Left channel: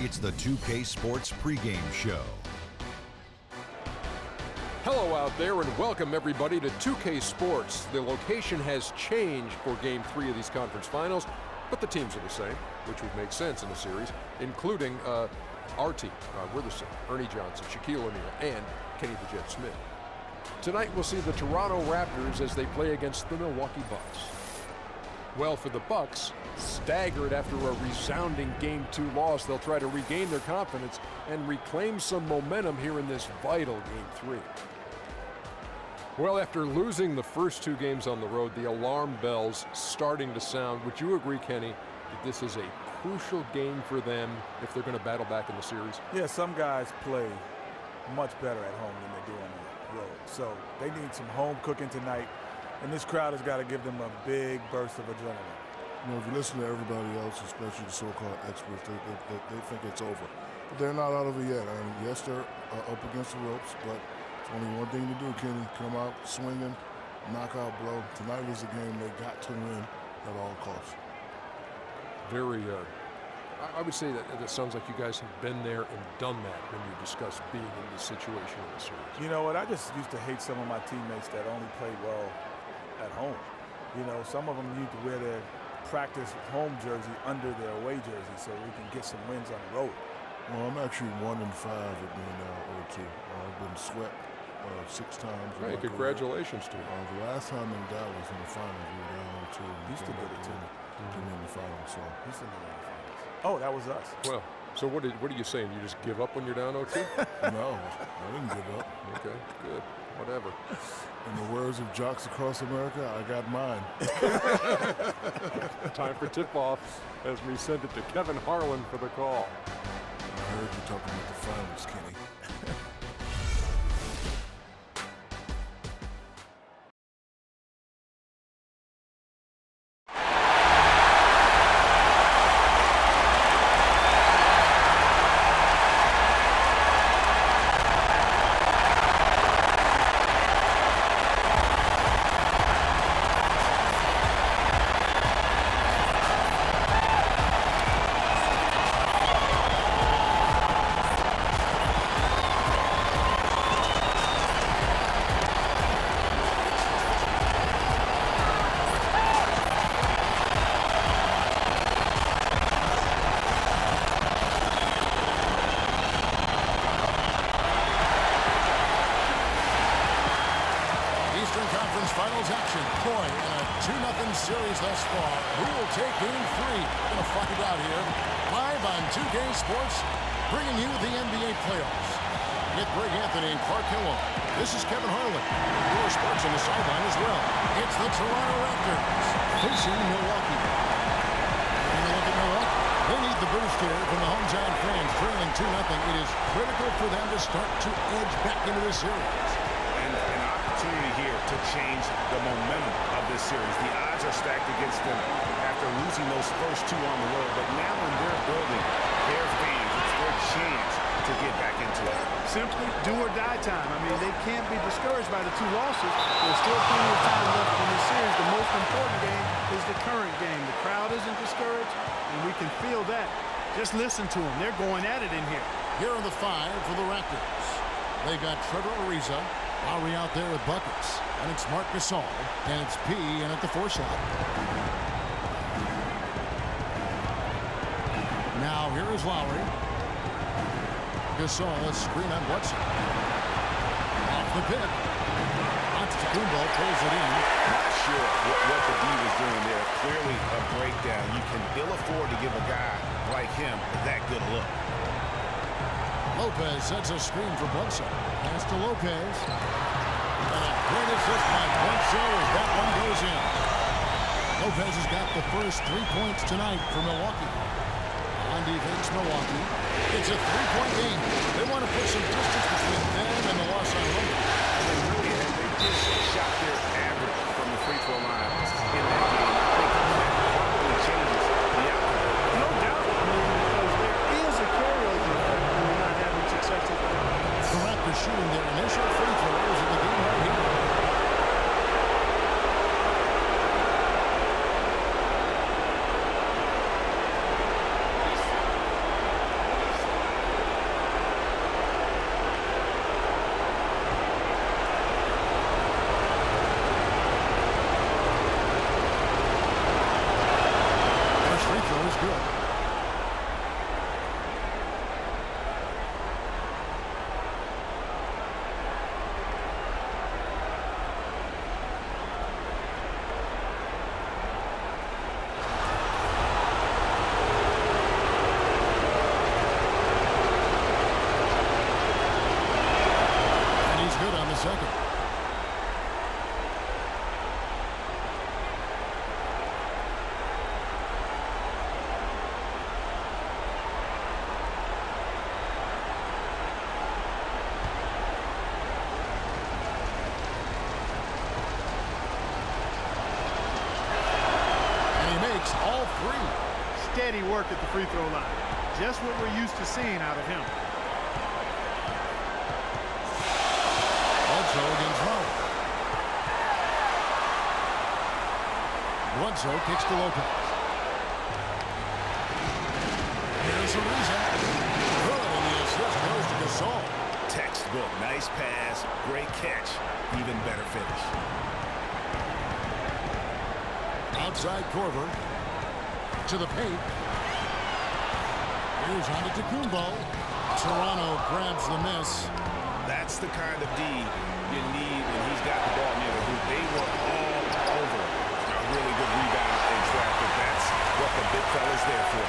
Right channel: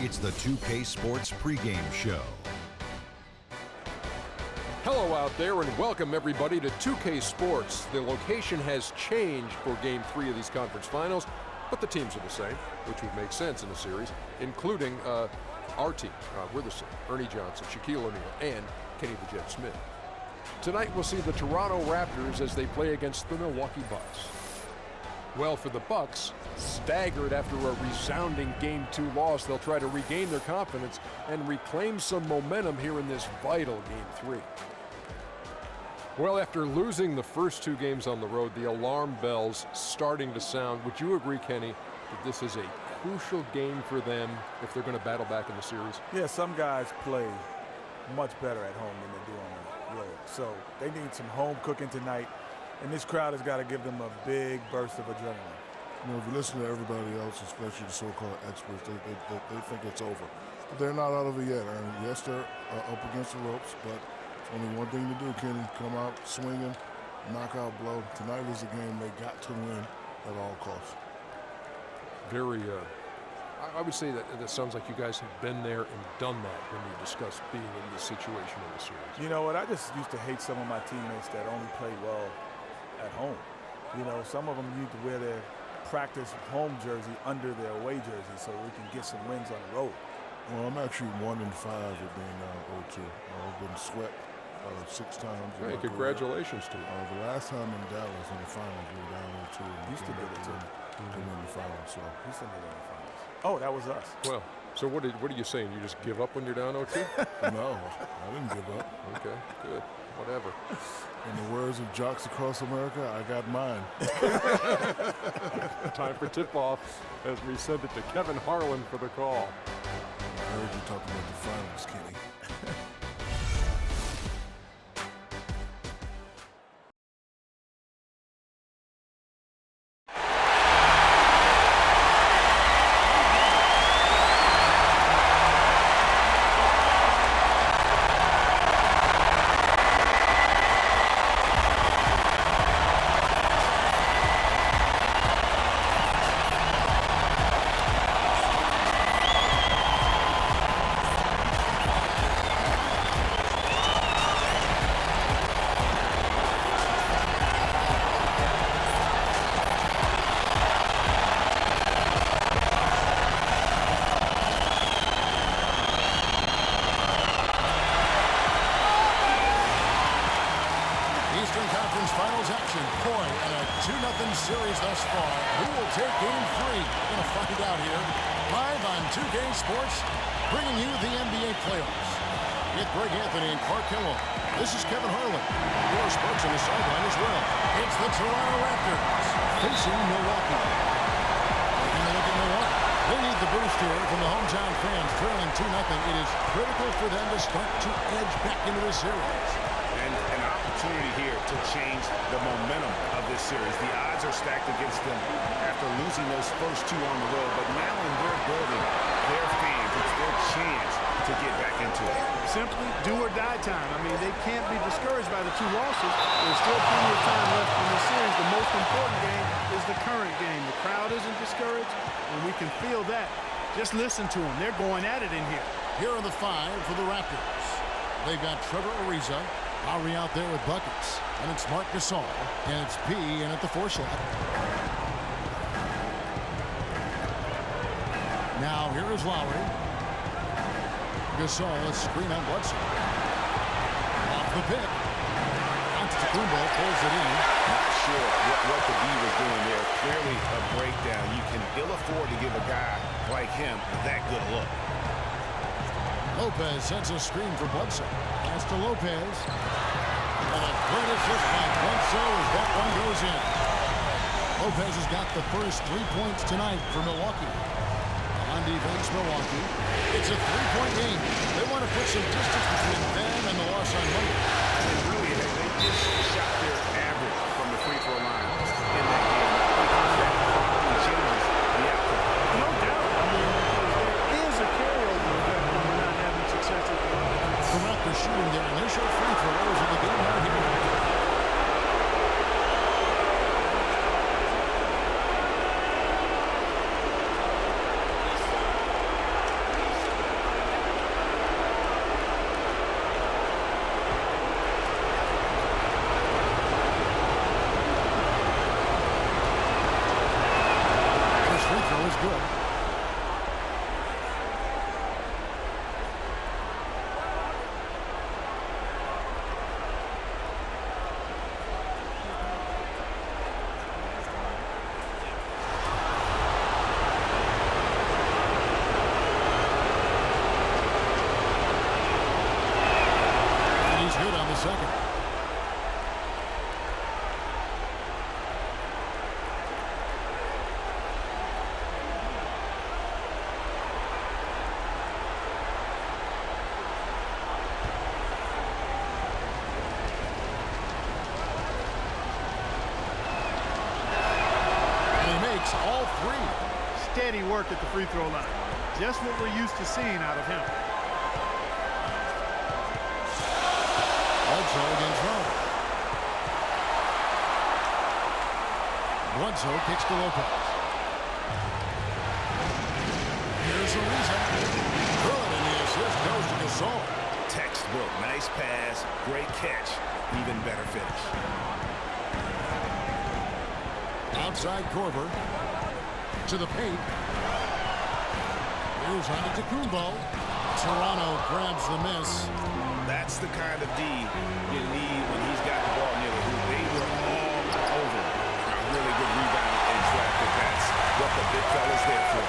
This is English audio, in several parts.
It's the 2K Sports pregame show. Hello out there and welcome everybody to 2K Sports. The location has changed for Game 3 of these conference finals, but the teams are the same, which would make sense in a series, including our team. We're the same. Ernie Johnson, Shaquille O'Neal, and Kenny the Jet Smith. Tonight we'll see the Toronto Raptors as they play against the Milwaukee Bucks. Well, for the Bucks, staggered after a resounding Game 2 loss, they'll try to regain their confidence and reclaim some momentum here in this vital Game 3. Well, after losing the first two games on the road, the alarm bells starting to sound. Would you agree, Kenny, that this is a crucial game for them if they're going to battle back in the series? Yeah, some guys play much better at home than they do on the road. So they need some home cooking tonight. And this crowd has got to give them a big burst of adrenaline. You know, if you listen to everybody else, especially the so-called experts, they think it's over. But they're not out of it yet. And yes, they're up against the ropes, but it's only one thing to do, Kenny. Come out swinging, knockout blow. Tonight is a game they got to win at all costs. Very, I would say that sounds like you guys have been there and done that when you discuss being in this situation in the series. You know what? I just used to hate some of my teammates that only play well at home. You know, some of them need to wear their practice home jersey under their away jersey so we can get some wins on the road. Well, I'm actually 1-5 with being down 0-2. I've been swept 6 times. Hey, congratulations to you. The last time in Dallas in the finals, we were down 0-2. Used to get it too. To win the finals, so. Used to get in the finals. Oh, that was us. Well, so what are you saying? You just give up when you're down 0-2? No, I didn't give up. Okay, good. Whatever. In the words of jocks across America, I got mine. Time for tip-off as we send it to Kevin Harlan for the call. I heard you talking about the finals, Kenny. Eastern Conference Finals action. Boy, and a 2-0 series thus far. Who will take Game 3? We're going to find out here live on 2K Sports, bringing you the NBA playoffs. With Greg Anthony and Clark Hill. This is Kevin Harlan. Your Sparks on the sideline as well. It's the Toronto Raptors facing Milwaukee. Taking a look at Milwaukee. They need the boost here from the hometown fans, trailing 2-0. It is critical for them to start to edge back into this series. And an opportunity here to change the momentum of this series. The odds are stacked against them after losing those first two on the road. But now in their building, their fans, it's their chance to get back into it. Simply do or die time. I mean, they can't be discouraged by the two losses. There's still plenty of time left in this series. The most important game is the current game. The crowd isn't discouraged, and we can feel that. Just listen to them. They're going at it in here. Here are the 5 for the Raptors. They've got Trevor Ariza, Lowry out there with buckets, and it's Marc Gasol, and it's P in at the 4 slot. Now here is Lowry. Gasol, a screen on Bledsoe. Off the pick. Antetokounmpo pulls it in. Not sure what the D was doing there. Clearly a breakdown. You can ill afford to give a guy like him that good a look. Lopez sets a screen for Bledsoe. Pass to Lopez. And a great assist by Bledsoe as that one goes in. Lopez has got the first 3 points tonight for Milwaukee. On defense, Milwaukee. It's a 3-point game. They want to put some distance between them and the loss on Monday. And really, they just shot their average from the free throw line in that game. I think that probably changes the outcome. No doubt. I mean, because there is a carryover effect when you're not having success at the line. The Raptors shooting their initial free throws of the game right here. throw is good. He's good on the second. And he makes all three. Steady work at the free throw line. Just what we're used to seeing out of him. Bledsoe against Rowe. Bledsoe kicks to Lopez. Here's Ariza. Good, and the assist goes to Gasol. Textbook. Nice pass. Great catch. Even better finish. Outside Korver. To the paint. Here's Antetokounmpo. Toronto grabs the miss. That's the kind of D you need when he's got the ball near the hoop. They were all over him. A really good rebound in traffic. That's what the big fella's there for.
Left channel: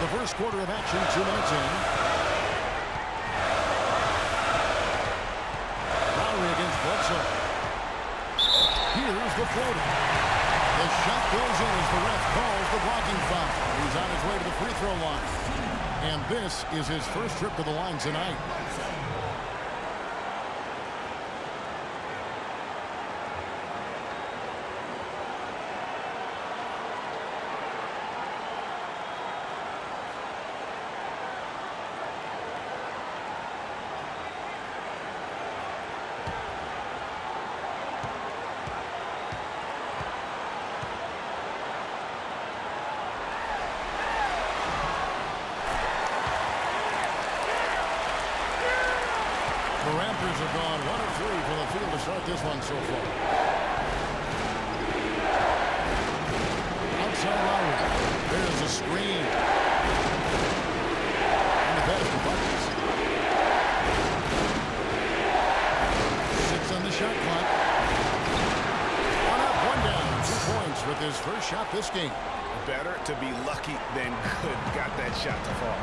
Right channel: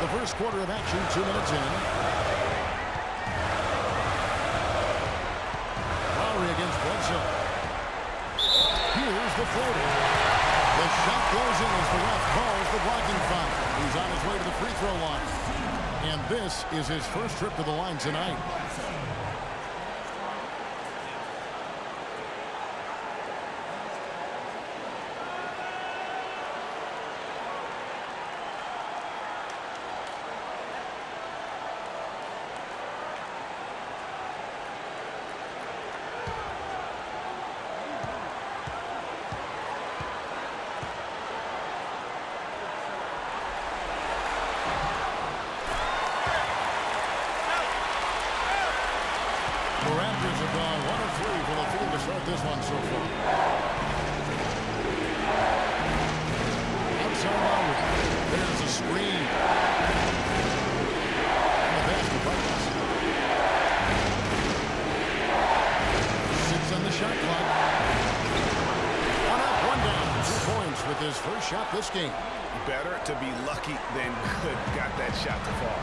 The first quarter of action, 2 minutes in. Lowry against Bledsoe. Here's the floater. The shot goes in as the ref calls the blocking foul. He's on his way to the free throw line. And this is his first trip to the line tonight. The Raptors have gone 1 of 3 from the field to start this one so far. Outside Lowry. There's a screen. And the pass to Buckets. 6 on the shot clock. 1 up, 1 down. 2 points with his first shot this game. Better to be lucky than good. Got that shot to fall.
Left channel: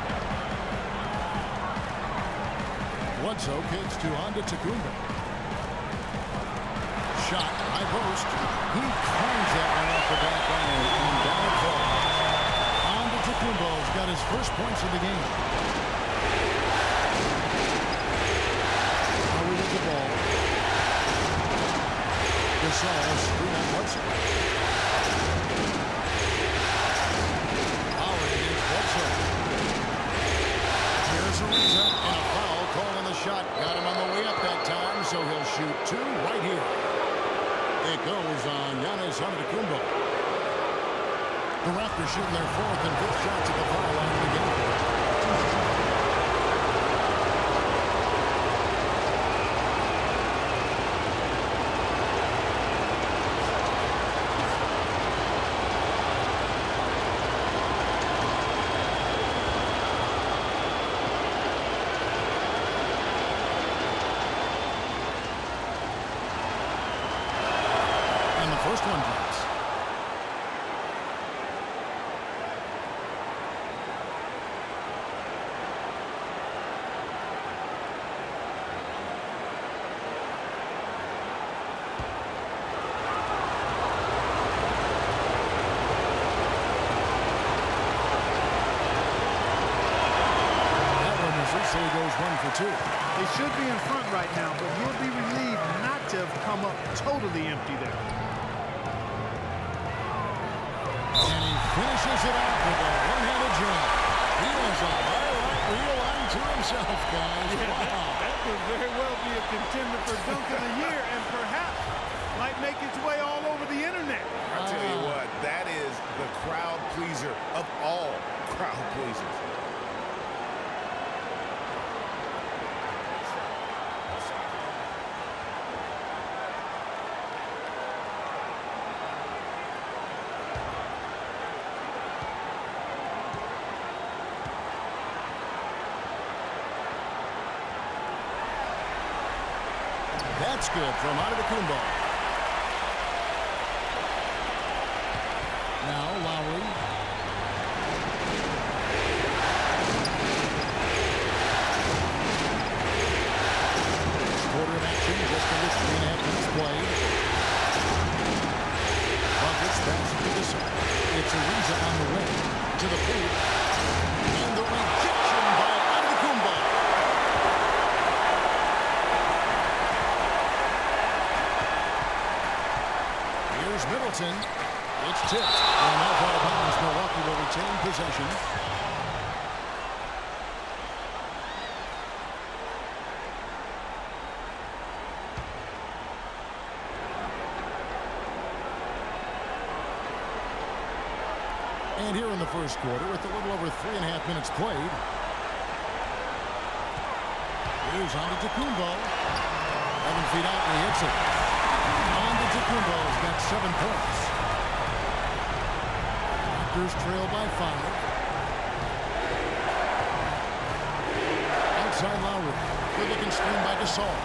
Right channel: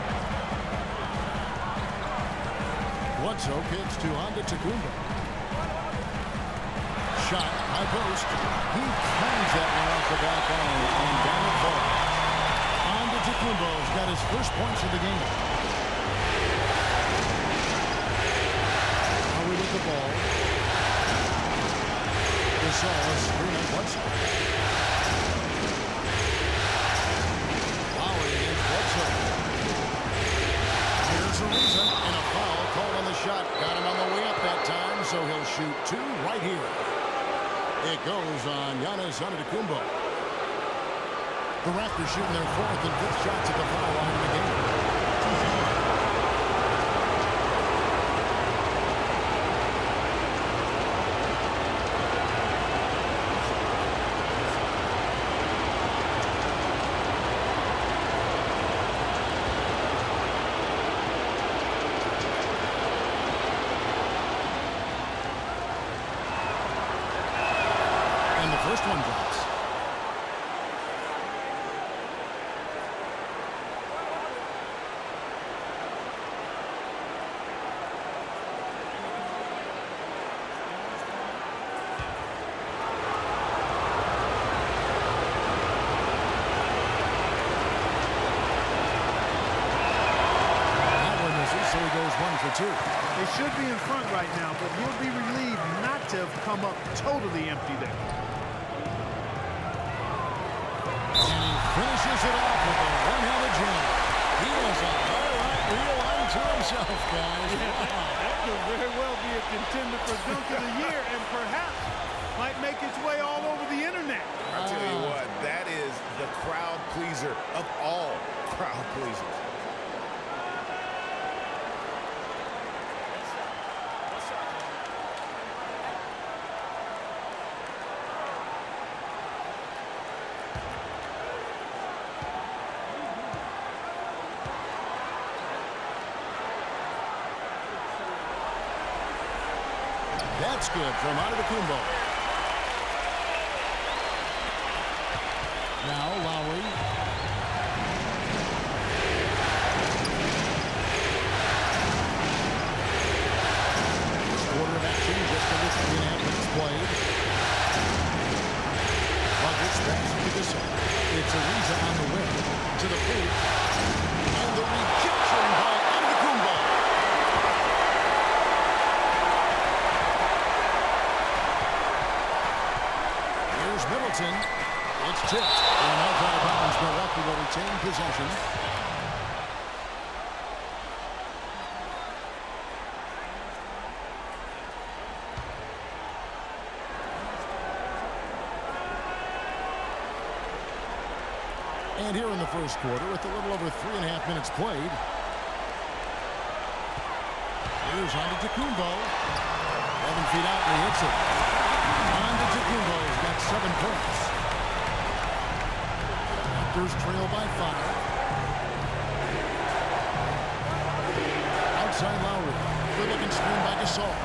Bledsoe kicks to Antetokounmpo. Shot, high post. He climbs that one off the back iron, and down it falls. Antetokounmpo's got his first points of the game. Lowry with the ball. Gasol, a screen on Bledsoe. Lowry against Bledsoe. Here's Ariza, and a foul called on the shot. Got him on the way up that time, so he'll shoot 2 right here. It goes on Giannis Antetokounmpo. The Raptors shooting their 4th and 5th shots at the foul line of the game. And the first one drops. That one misses, so he goes 1 for 2. They should be in front right now, but he'll be relieved not to have come up totally empty there. And he finishes it off with a one-handed jam. He has a highlight reel unto himself, guys. Yeah, wow. that could very well be a contender for Dunk of the Year and perhaps might make its way all over the internet. I tell you what, that is the crowd pleaser of all crowd pleasers. That's good from Antetokounmpo. Now Lowry. Quarter of action, just under 3.5 minutes played. Buckets pass to Gasol. It's Ariza on the wing to the paint, and the rejection by Antetokounmpo. Here's Middleton. It's tipped, and that's out of bounds. Milwaukee will retain possession. And here in the first quarter, with a little over 3.5 minutes played. Here's Antetokounmpo. 11 feet out, and he hits it. Antetokounmpo's got 7 points. Raptors trail by 5. Outside Lowry. Good-looking screen by Gasol.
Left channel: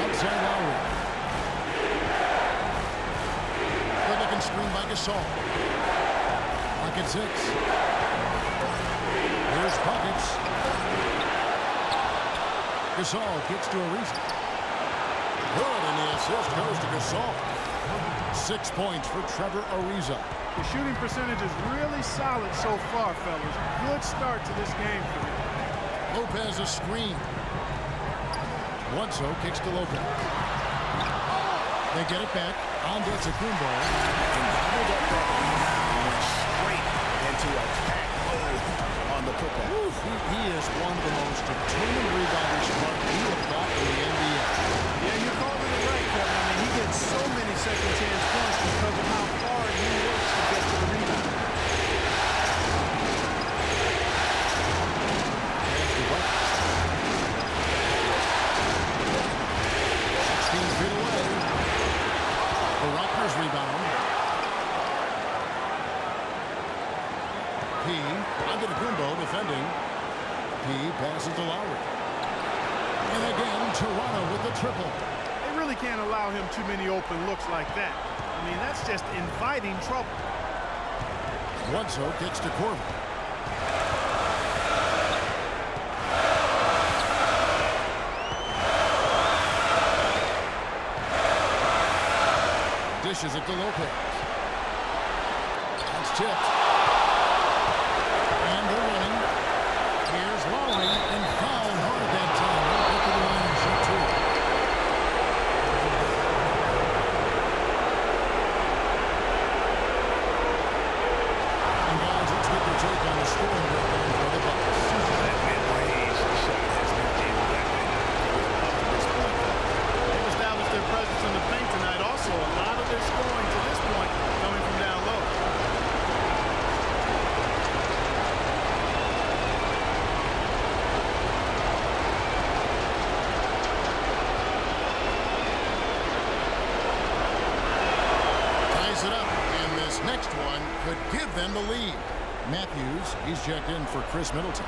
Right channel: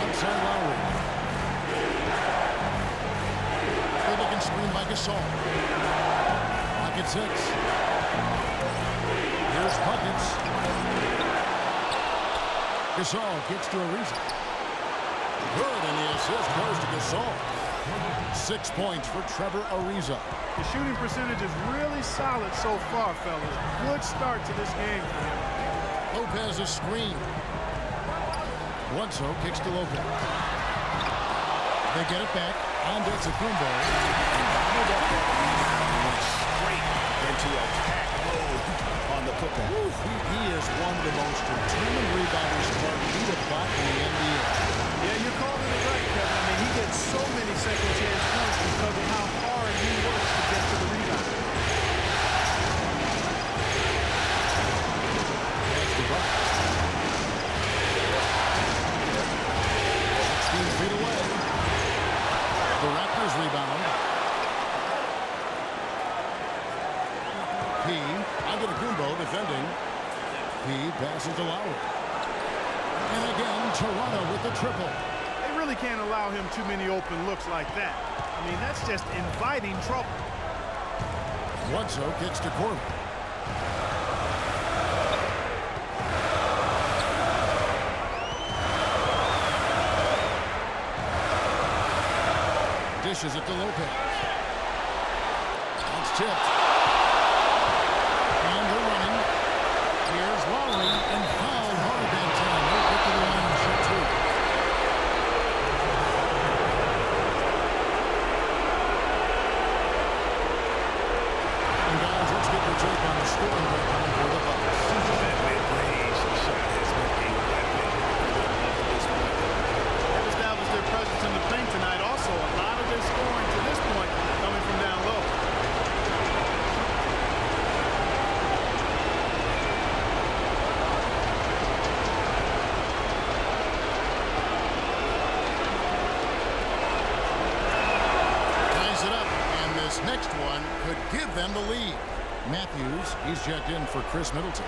Outside Lowry. Good-looking screen by Gasol. Clock at 6. Here's Buckets. Gasol gets to Ariza. Good, and the assist goes to Gasol. 6 points for Trevor Ariza. The shooting percentage is really solid so far, fellas. Good start to this game for him. Lopez a screen. Bledsoe kicks to Lopez. They get it back. Antetokounmpo. And gobbled up that rebound and went straight into attack mode on the putback. He is one of the most determined rebounders we have got in the NBA. Yeah, you're calling it right, Kevin. I mean, he gets so many second-chance points because of how hard he works to get to the rebound. That's the Buckets. 16 feet away. The Raptors rebound. P. Antetokounmpo defending. P passes to Lowry. And again, Toronto with the triple. They really can't allow him too many open looks like that. I mean, that's just inviting trouble. Bledsoe kicks to Corbin. Dishes it to Lopez. That's tipped. And they're running. Here's Lowry, and fouled hard that time. They'll get to the line and shoot 2. And guys, let's get your take on the scoring breakdown for the Bucks. That mid-range shot has been a weapon for them up to this point. They've established their presence in the paint tonight. Also, a lot of their scoring to this point coming from down low. Ties it up, and this next one could give them the lead. Matthews, he's checked in for Chris Middleton.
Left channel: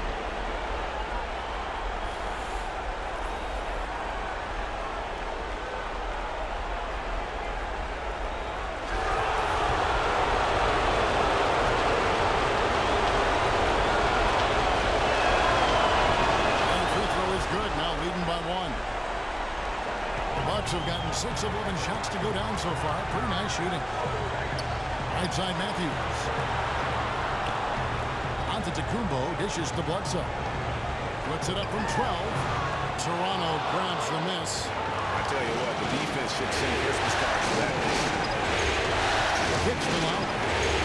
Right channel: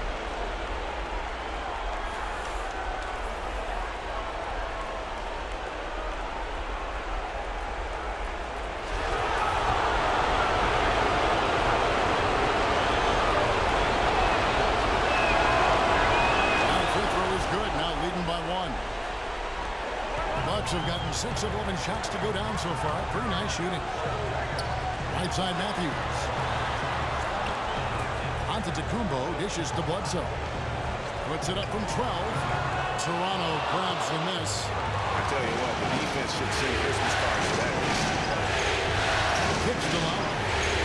Good, now leading by 1. The Bucks have gotten 6 of 11 shots to go down so far. Pretty nice shooting. Right side Matthews. Antetokounmpo dishes to Bledsoe. Puts it up from 12. Toronto grabs the miss. I tell you what, the defense should send Christmas cards to that miss. Kicks to Lowry.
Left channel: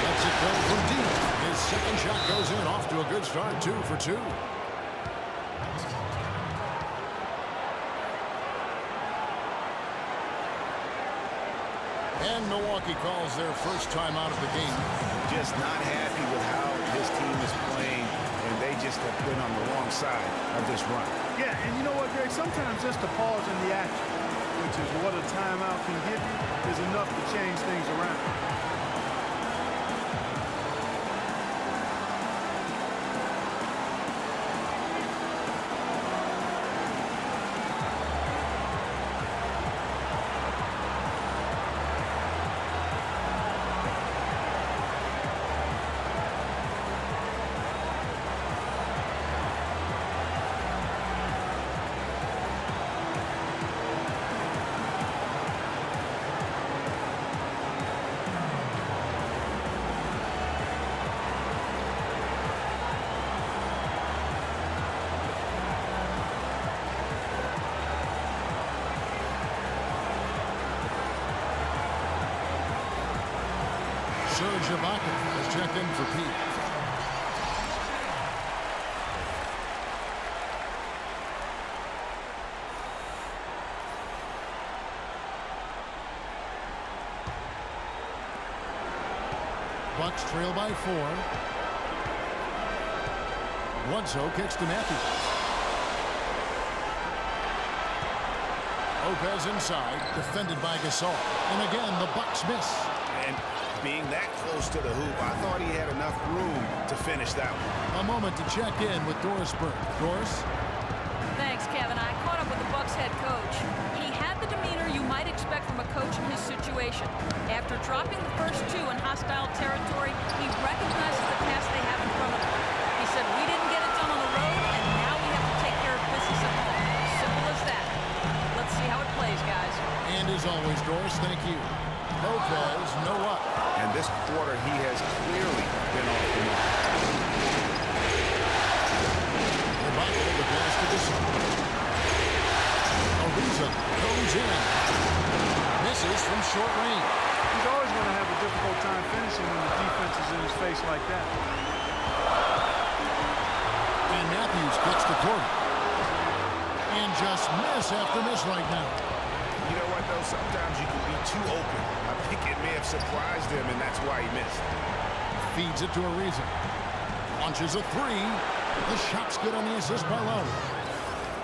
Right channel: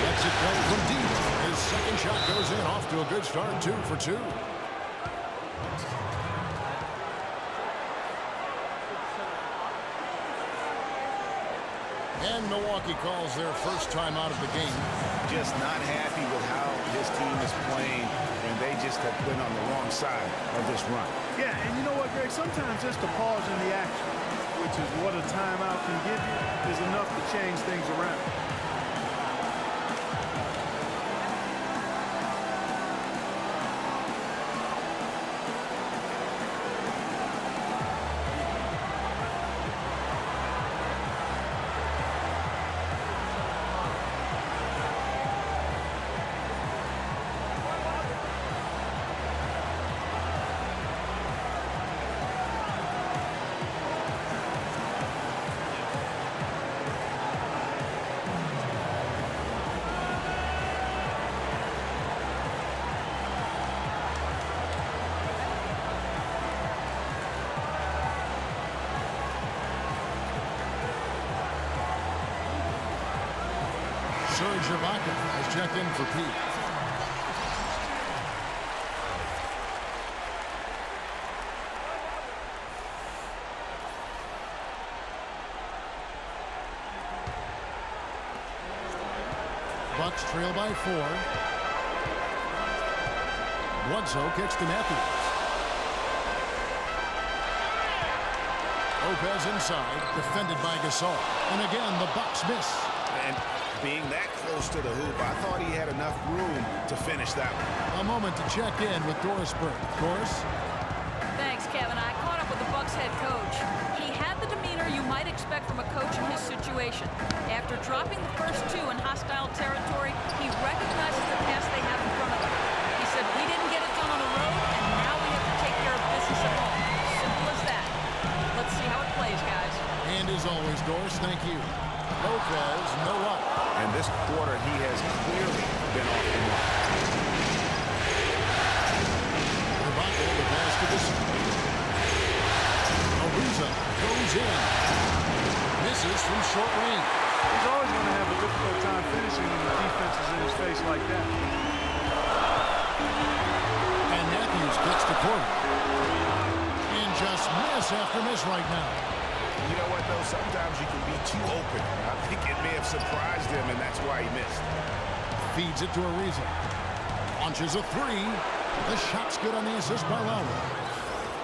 Lets it go from deep. His second shot goes in, off to a good start, 2 for 2. And Milwaukee calls their first time out of the game. Just not happy with how his team is playing, and they just have been on the wrong side of this run. Yeah, and you know what, Greg? Sometimes just a pause in the action, which is what a timeout can give you, is enough to change things around. Serge Ibaka has checked in for Pete. Bucks trail by 4. Bledsoe kicks to Matthews. Lopez inside, defended by Gasol. And again, the Bucks miss. And being that close to the hoop, I thought he had enough room to finish that one. A moment to check in with Doris Burke. Doris? Thanks, Kevin. I caught up with the Bucks head coach. He had the demeanor you might expect from a coach in his situation. After dropping the first 2 in hostile territory, he recognizes the task they have in front of them. He said, we didn't get it done on the road, and now we have to take care of business at home. Simple as that. Let's see how it plays, guys. And as always, Doris, thank you. Lopez, no luck. And this quarter, he has clearly been off the mark. Ibaka, the pass to the center. Ariza goes in. Misses from short range. He's always going to have a difficult time finishing when the defense is in his face like that. And Matthews gets to Porter. And just miss after miss right now. You know what, though? Sometimes you can be too open. I think it may have surprised him, and that's why he missed. Feeds it to Ariza. Launches a 3. The shot's good on the assist by Lowry.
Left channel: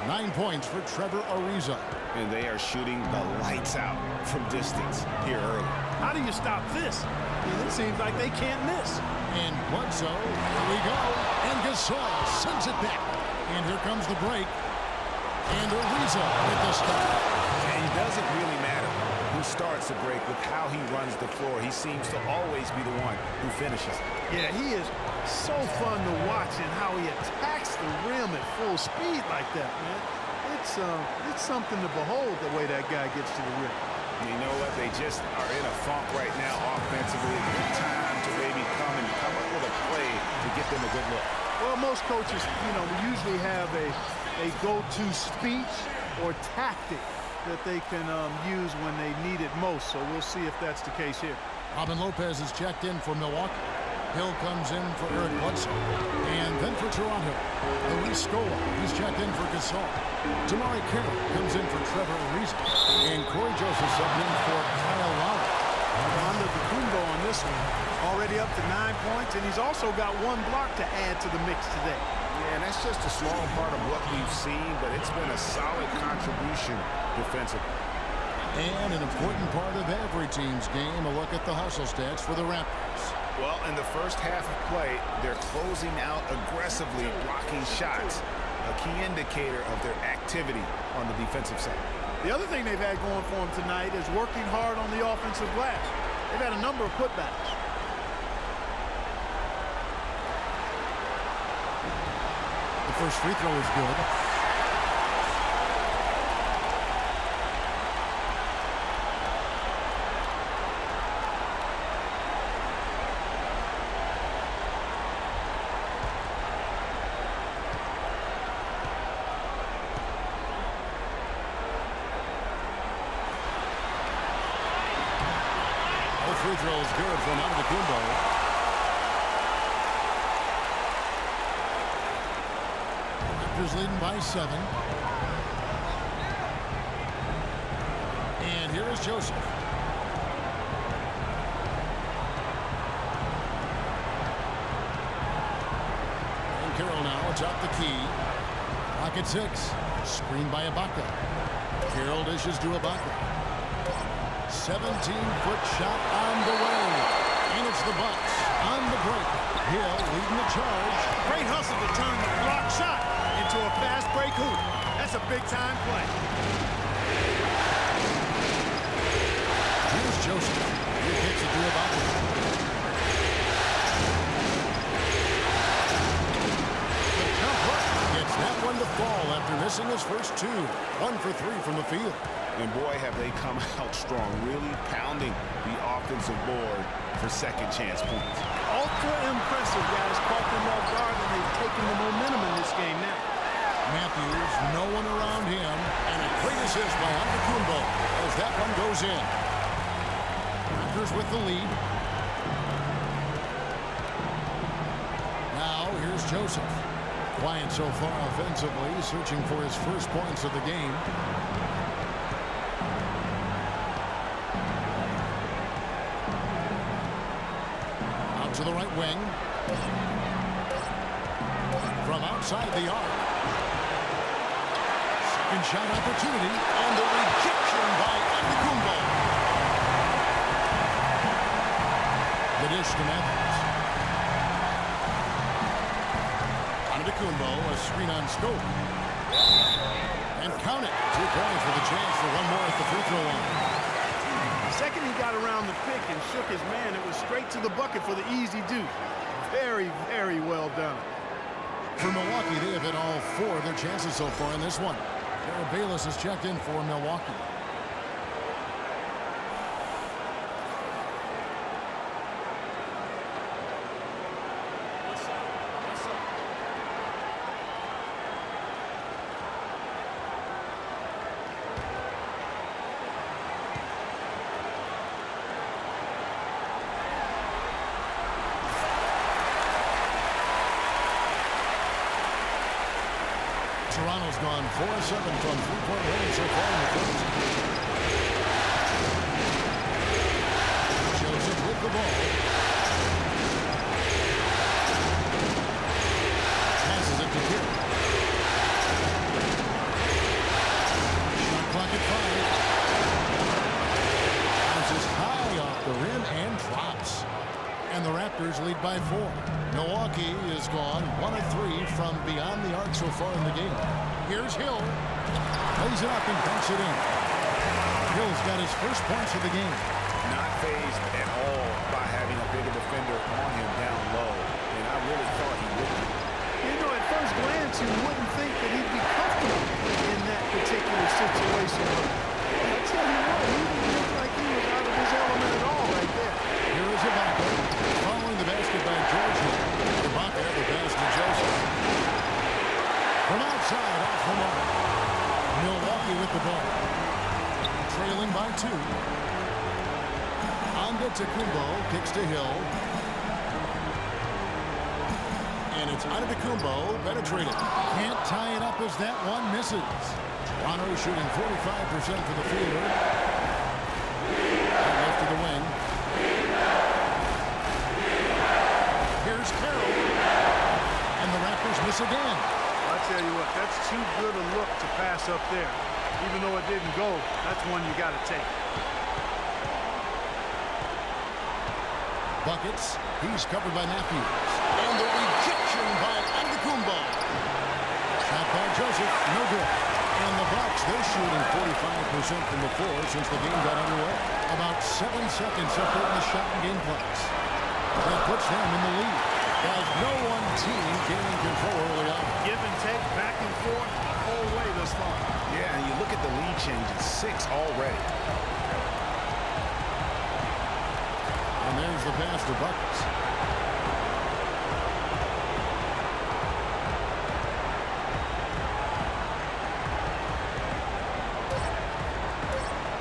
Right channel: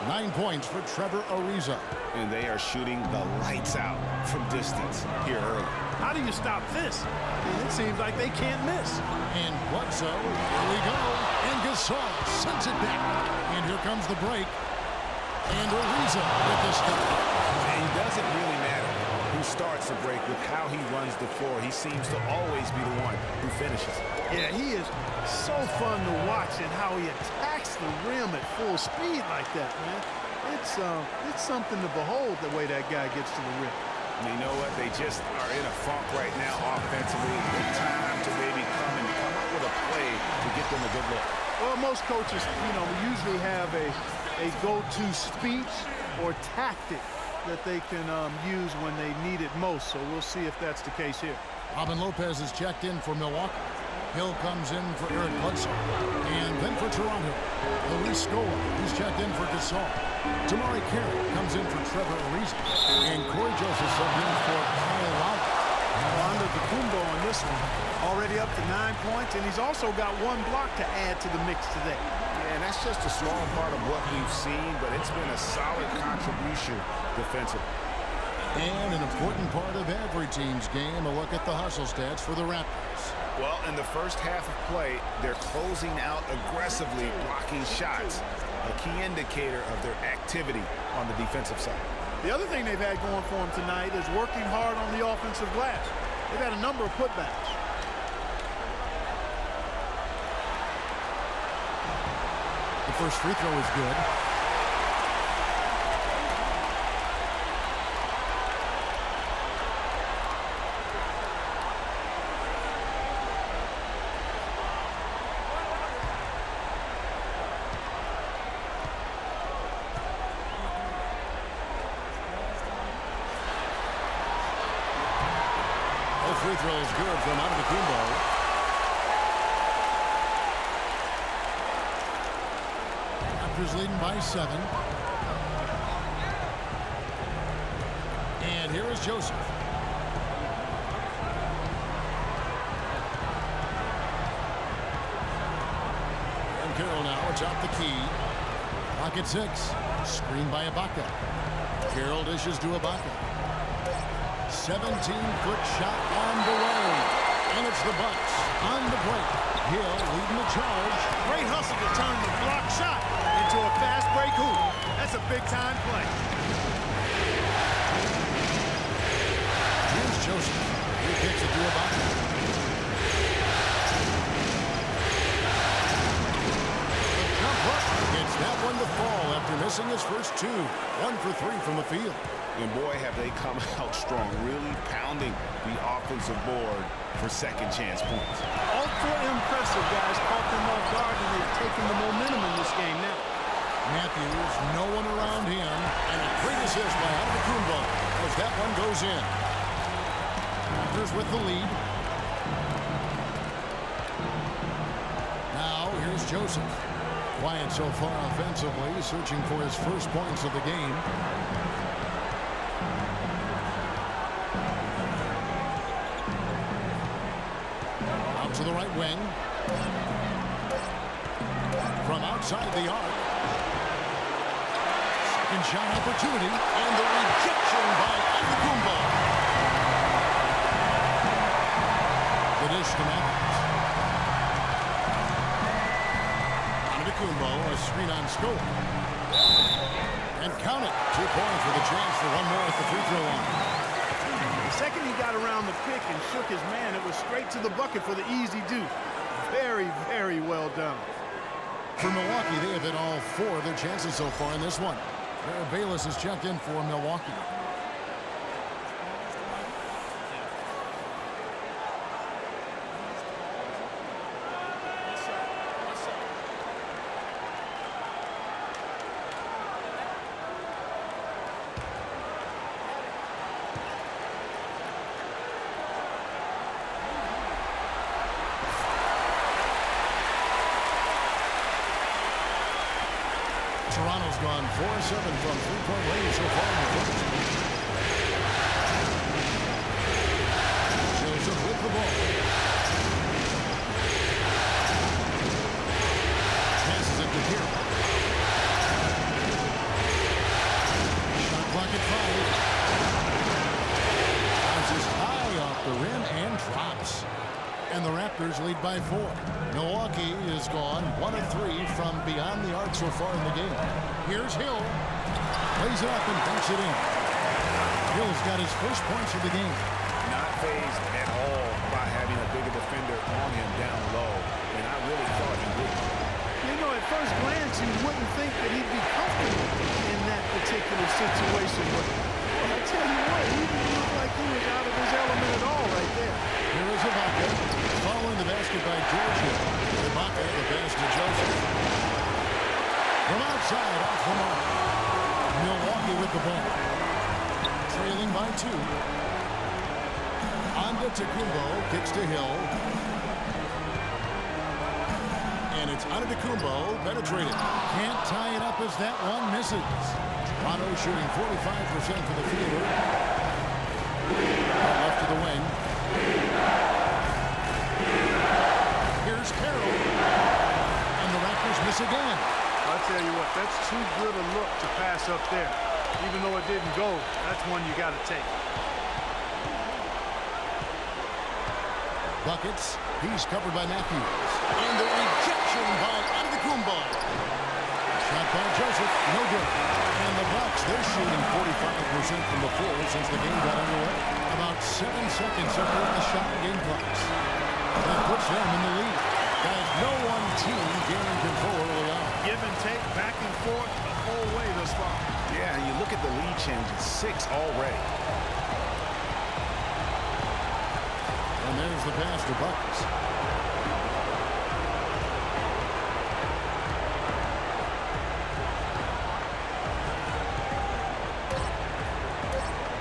9 points for Trevor Ariza. And they are shooting the lights out from distance here early. How do you stop this? I mean, it seems like they can't miss. And Bledsoe, here we go. And Gasol sends it back. And here comes the break. And Ariza with the stop. And it doesn't really matter who starts the break with how he runs the floor. He seems to always be the one who finishes. Yeah, he is so fun to watch and how he attacks the rim at full speed like that, man. It's something to behold the way that guy gets to the rim. You know what? They just are in a funk right now offensively. A good time to maybe come up with a play to get them a good look. Well, most coaches, we usually have a go-to speech or tactic that they can use when they need it most. So we'll see if that's the case here. Robin Lopez is checked in for Milwaukee. Hill comes in for Eric Bledsoe. And then for Toronto, Luis Scola, who's checked in for Gasol. Tamari Carroll comes in for Trevor Ariza. And Corey Joseph subbed in for Kyle Lowry. Antetokounmpo on this one. Already up to 9 points, and he's also got 1 block to add to the mix today. Yeah, and that's just a small part of what we've seen, but it's been a solid contribution defensively. And an important part of every team's game, a look at the hustle stats for the Raptors. Well, in the first half of play, they're closing out aggressively, blocking shots, a key indicator of their activity on the defensive side. The other thing they've had going for them tonight is working hard on the offensive glass. They've had a number of putbacks. The first free throw is good. Free throw is good from Antetokounmpo. Raptors leading by 7. And here is Joseph. And Carroll now atop the key. Pocket 6. Screened by Ibaka. Carroll dishes to Ibaka. 17-foot shot on the way. And it's the Bucks on the break. Hill leading the charge. Great hustle to turn the block shot into a fast break hoop. That's a big-time play. Here's Joseph. He kicks it to Ibaka. The jump hook gets that one to fall after missing his first 2. 1 for 3 from the field. And boy, have they come out strong, really pounding the offensive board for second chance points. Ultra impressive, guys. Caught them off guard, and they've taken the momentum in this game now. Matthews, no one around him, and a great assist by Antetokounmpo as that one goes in. Raptors with the lead. Here's Joseph. Quiet so far offensively, searching for his first points of the game. Out to the right wing. From outside the arc. Second shot opportunity, and the rejection by Antetokounmpo. The dish to Matthews. Antetokounmpo, a screen on scope. And count it. 2 points with a chance for one more at the free throw line. The second he got around the pick and shook his man, it was straight to the bucket for the easy deuce. Very, very well done. For Milwaukee, they have hit all 4 of their chances so far in this one. Jared Bayless has checked in for Milwaukee. What's up? What's up? Toronto's gone 4 of 7 from three-point range so far in the first. Joseph with the ball. Passes it to Kira. Shot clock at 5. Bounces high off the rim and drops. And the Raptors lead by 4. Milwaukee is gone 1 of 3 from beyond the arc so far in the game. Here's Hill. Plays it up and banks it in. Hill's got his first points of the game. Not fazed at all by having a bigger defender on him down low, and I really thought he would be. You know, at first glance, you wouldn't think that he'd be comfortable in that particular situation, but well, I tell you what, he didn't look like he was out of his element at all right there. Here is Ibaka, following the basket by George Hill. Ibaka, the pass to Joseph. From outside, off the mark. Milwaukee with the ball. Trailing by 2. Antetokounmpo kicks to Hill. And it's Antetokounmpo penetrated. Can't tie it up as that one misses. Toronto shooting 45% for the fielder. And left to the wing. Here's Carroll. And the Raptors miss again. I tell you what, that's too good a look to pass up there. Even though it didn't go, that's one you got to take. Buckets. He's covered by Matthews. And the rejection by Antetokounmpo. Shot by Joseph. No good. And the Bucks, they're shooting 45% from the floor since the game got underway. About 7 seconds up there in the shot and game clocks. That puts them in the lead. Guys, no one team gaining control early on. Give and take, back and forth, the whole way thus far. Yeah, and you look at the lead changes, 6 already. And there's the pass to Buckets.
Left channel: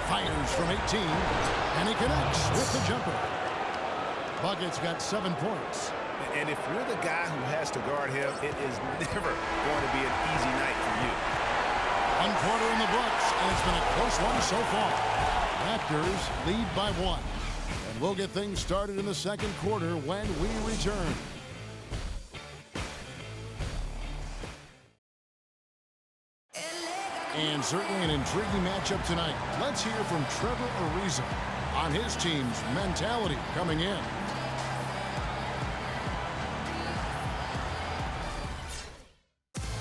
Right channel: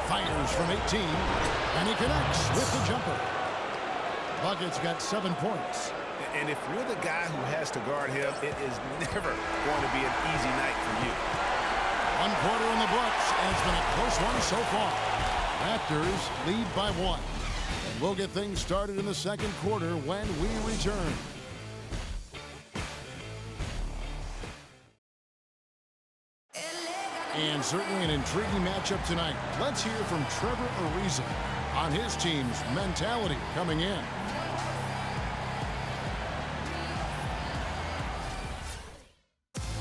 Fires from 18, and he connects with the jumper. Buckets got 7 points. And if you're the guy who has to guard him, it is never going to be an easy night for you. 1 quarter in the books, and it's been a close one so far. Raptors lead by 1. And we'll get things started in the second quarter when we return. And certainly an intriguing matchup tonight. Let's hear from Trevor Ariza on his team's mentality coming in.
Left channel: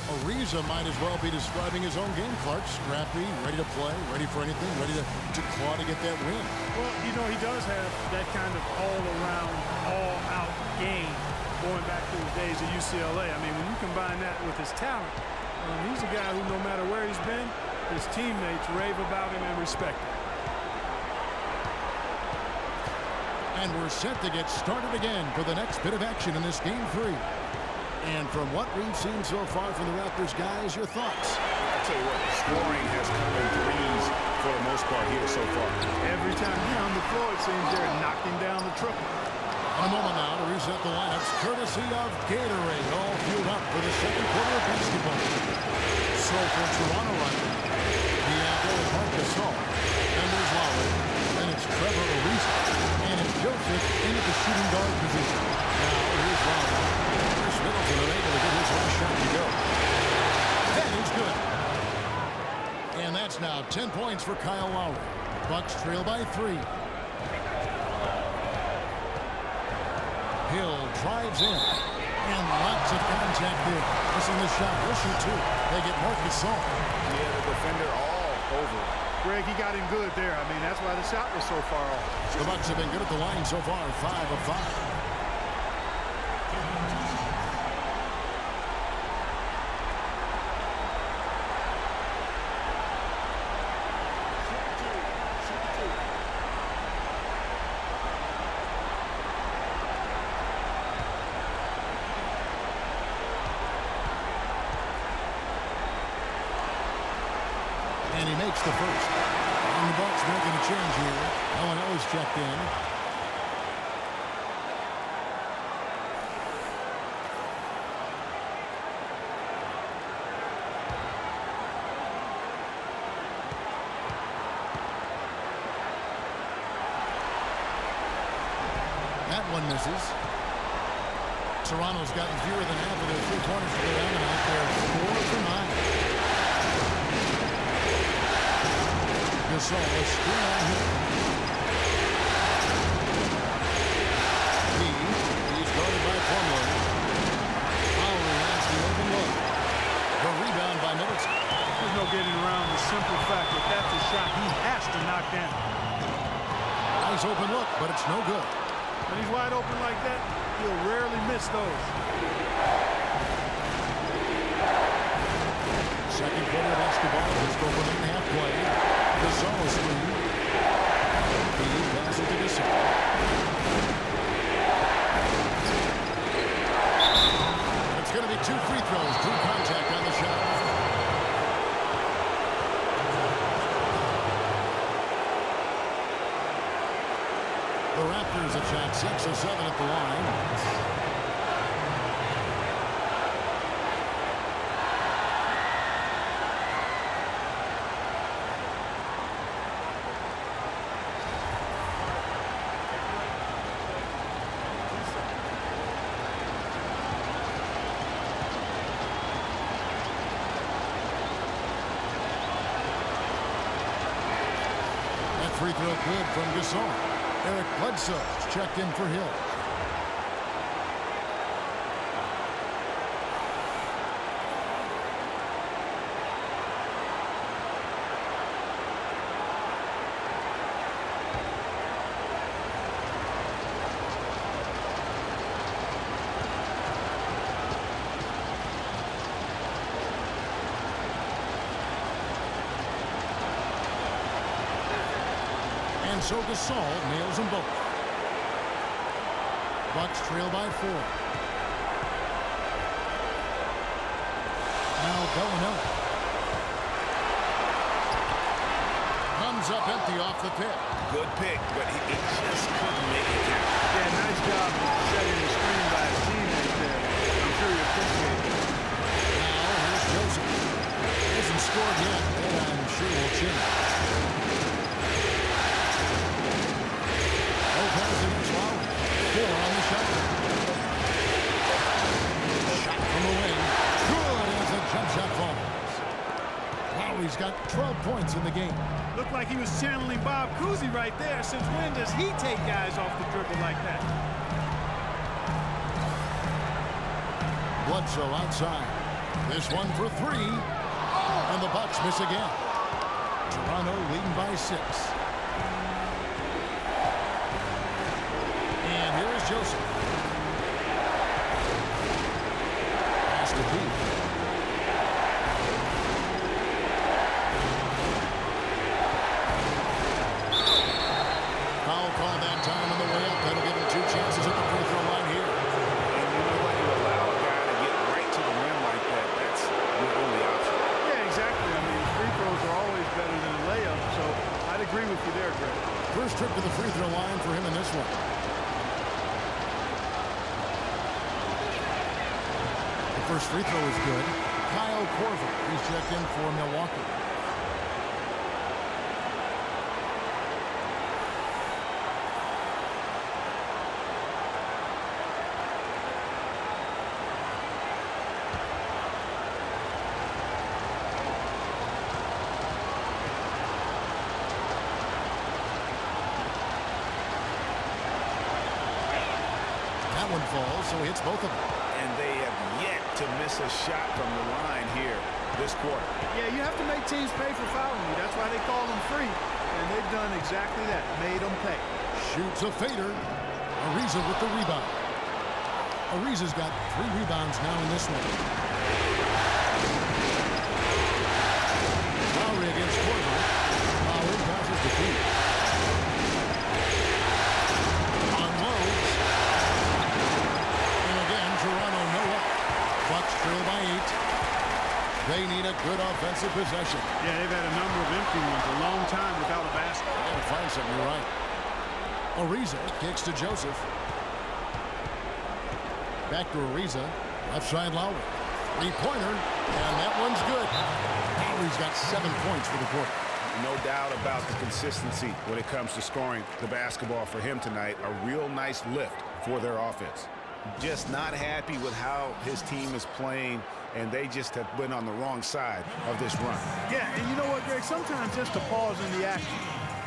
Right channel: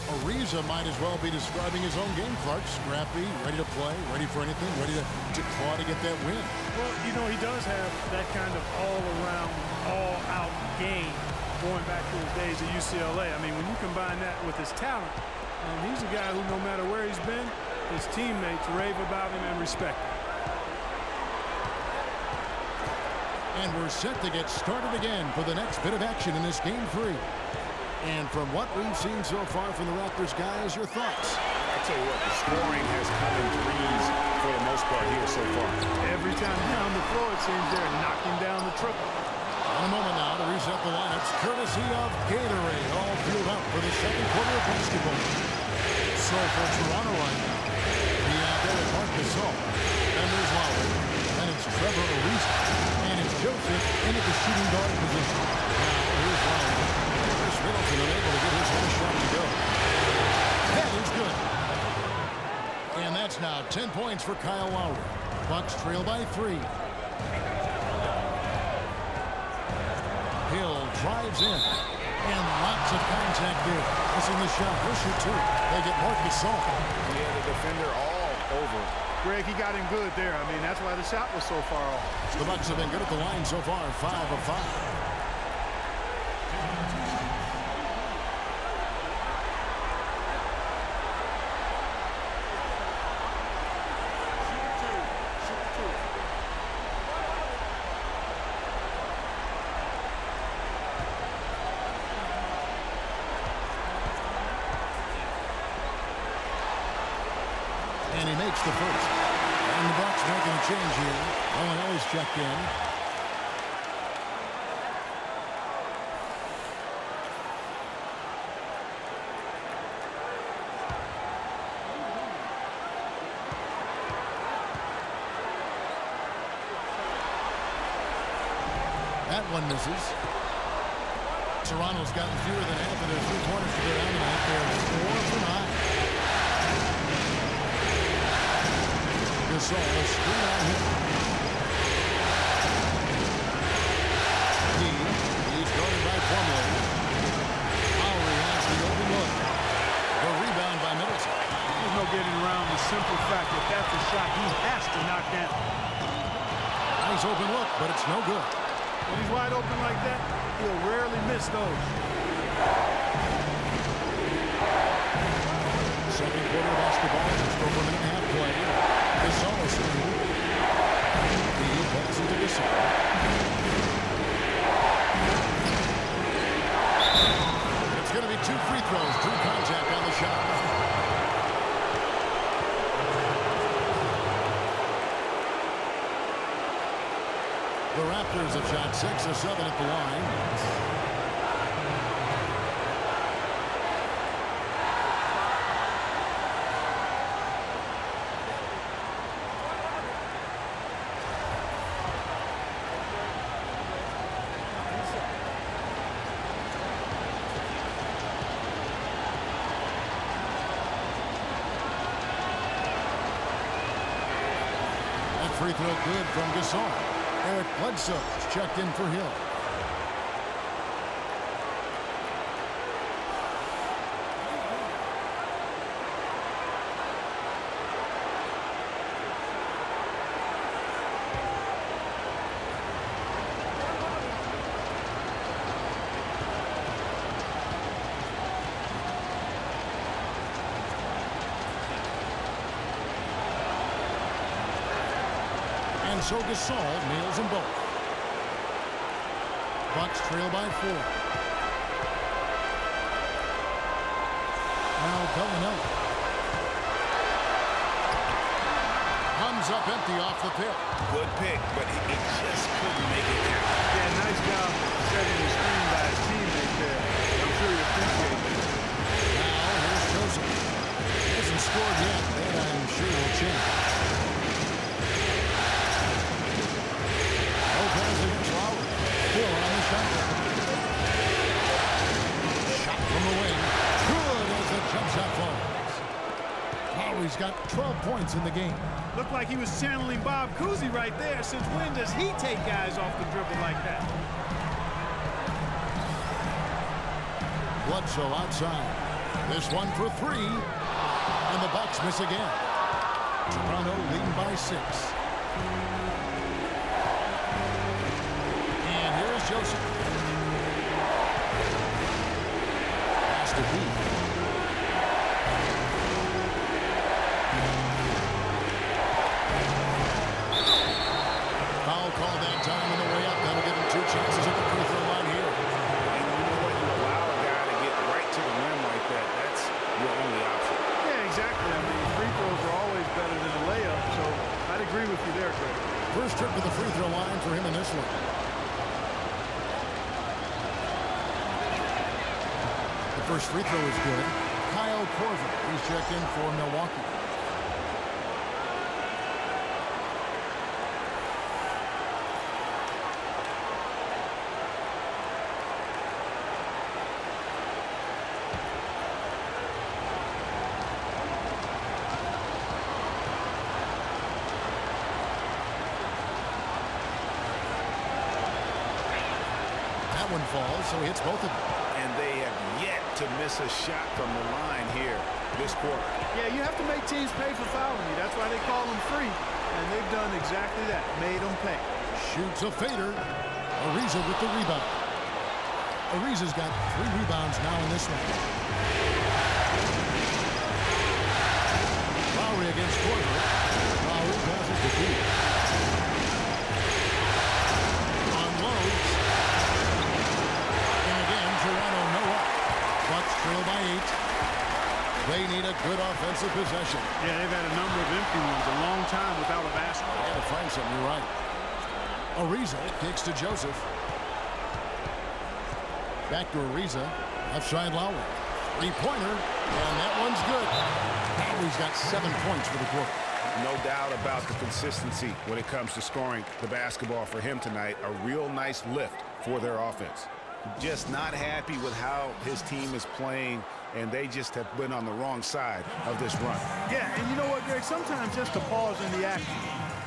Ariza might as well be describing his own game, Clark. Scrappy, ready to play, ready for anything, ready to claw to get that win. Well, you know, he does have that kind of all-around, all-out game going back to his days at UCLA. I mean, when you combine that with his talent, he's a guy who, no matter where he's been, his teammates rave about him and respect him. And we're set to get started again for the next bit of action in this Game 3. And from what we've seen so far from the Raptors, guys, your thoughts? I tell you what, the scoring has come in threes for the most part here so far. Every time down the floor, it seems they're knocking down the triple. And a moment now to reset the lineups, courtesy of Gatorade, all fueled up for the second quarter of basketball. So for Toronto right now, there is Marc Gasol, then there's Lowry, then it's Trevor Ariza, and it's Joseph in at the shooting guard position. Now here's Lowry. Chris Middleton unable to get his last shot to go. That is good. And that's now 10 points for Kyle Lowry. Bucks trail by 3. Hill drives in. And lots of contact there. Missing the shot. He'll shoot 2. They get Marc Gasol. Yeah, the defender all over. Greg, he got him good there. I mean, that's why the shot was so far off. The Bucks have been good at the line so far. 5 of 5. And he makes the first. And the Bucks making a change here. Owen Ellis checked in. That one misses. Toronto's gotten fewer than half of their 3 pointers to go down tonight. They're 4 for 9. Gasol, a screen on him. He's guarded by Plumlee. Lowry has the open look. The rebound by Middleton. There's no getting around the simple fact that that's a shot he has to knock down. Nice open look, but it's no good. When he's wide open like that, he'll rarely miss those. Second quarter of basketball, just over a minute and a half played. Gasol screen. He passes to Gasol. It's going to be 2 free throws. Drew contact on the shot. The Raptors have shot 6 of 7 at the line. Free throw good from Gasol. Eric Bledsoe checked in for Hill. And so Gasol nails them both. Bucks trail by 4. Now Bellinelli. Comes up empty off the pick. Good pick, but he just couldn't make it count. Yeah, nice job setting the screen by his teammate there. I'm sure he appreciates it. Now here's Joseph. He hasn't scored yet, and I'm sure will change. Pass against Lowry. 4 on the shot clock. Shot from the wing. Good as the jump shot falls. Lowry's got 12 points in the game. Looked like he was channeling Bob Cousy right there. Since when does he take guys off the dribble like that? Bledsoe outside. This one for 3. And the Bucks miss again. Toronto leading by 6. And here is Joseph. Pass to Pete. Foul called that time on the way up. That'll give him 2 chances at the free throw line here. And you know what? You allow a guy to get right to the rim like that. That's your only option. Yeah, exactly. I mean, free throws are always better than a layup. So I'd agree with you there, Greg. First trip to the free throw line for him in this one. first free throw is good. Kyle Korver, he's checked in for Milwaukee. That one falls, so he hits both of them. And they have yet to miss a shot from the line here this quarter. Yeah, you have to make teams pay for fouling you. That's why they call them free. And they've done exactly that, made them pay. Shoots a fader. Ariza with the rebound. Ariza's got 3 rebounds now in this one. Lowry against Korver. Lowry passes to Pete. Unloads. And again, Toronto no up. Bucks trail by 8. They need a good offensive possession. Yeah, they've had a number of empty ones, a long time without a basket. They got to find something, you're right. Ariza kicks to Joseph. Back to Ariza. Left side Lowry. Three-pointer, and that one's good. Lowry's got 7 points for the quarter. No doubt about the consistency when it comes to scoring the basketball for him tonight. A real nice lift for their offense. Just not happy with how his team is playing, and they just have been on the wrong side of this run. Yeah, and you know what, Greg? Sometimes just a pause in the action,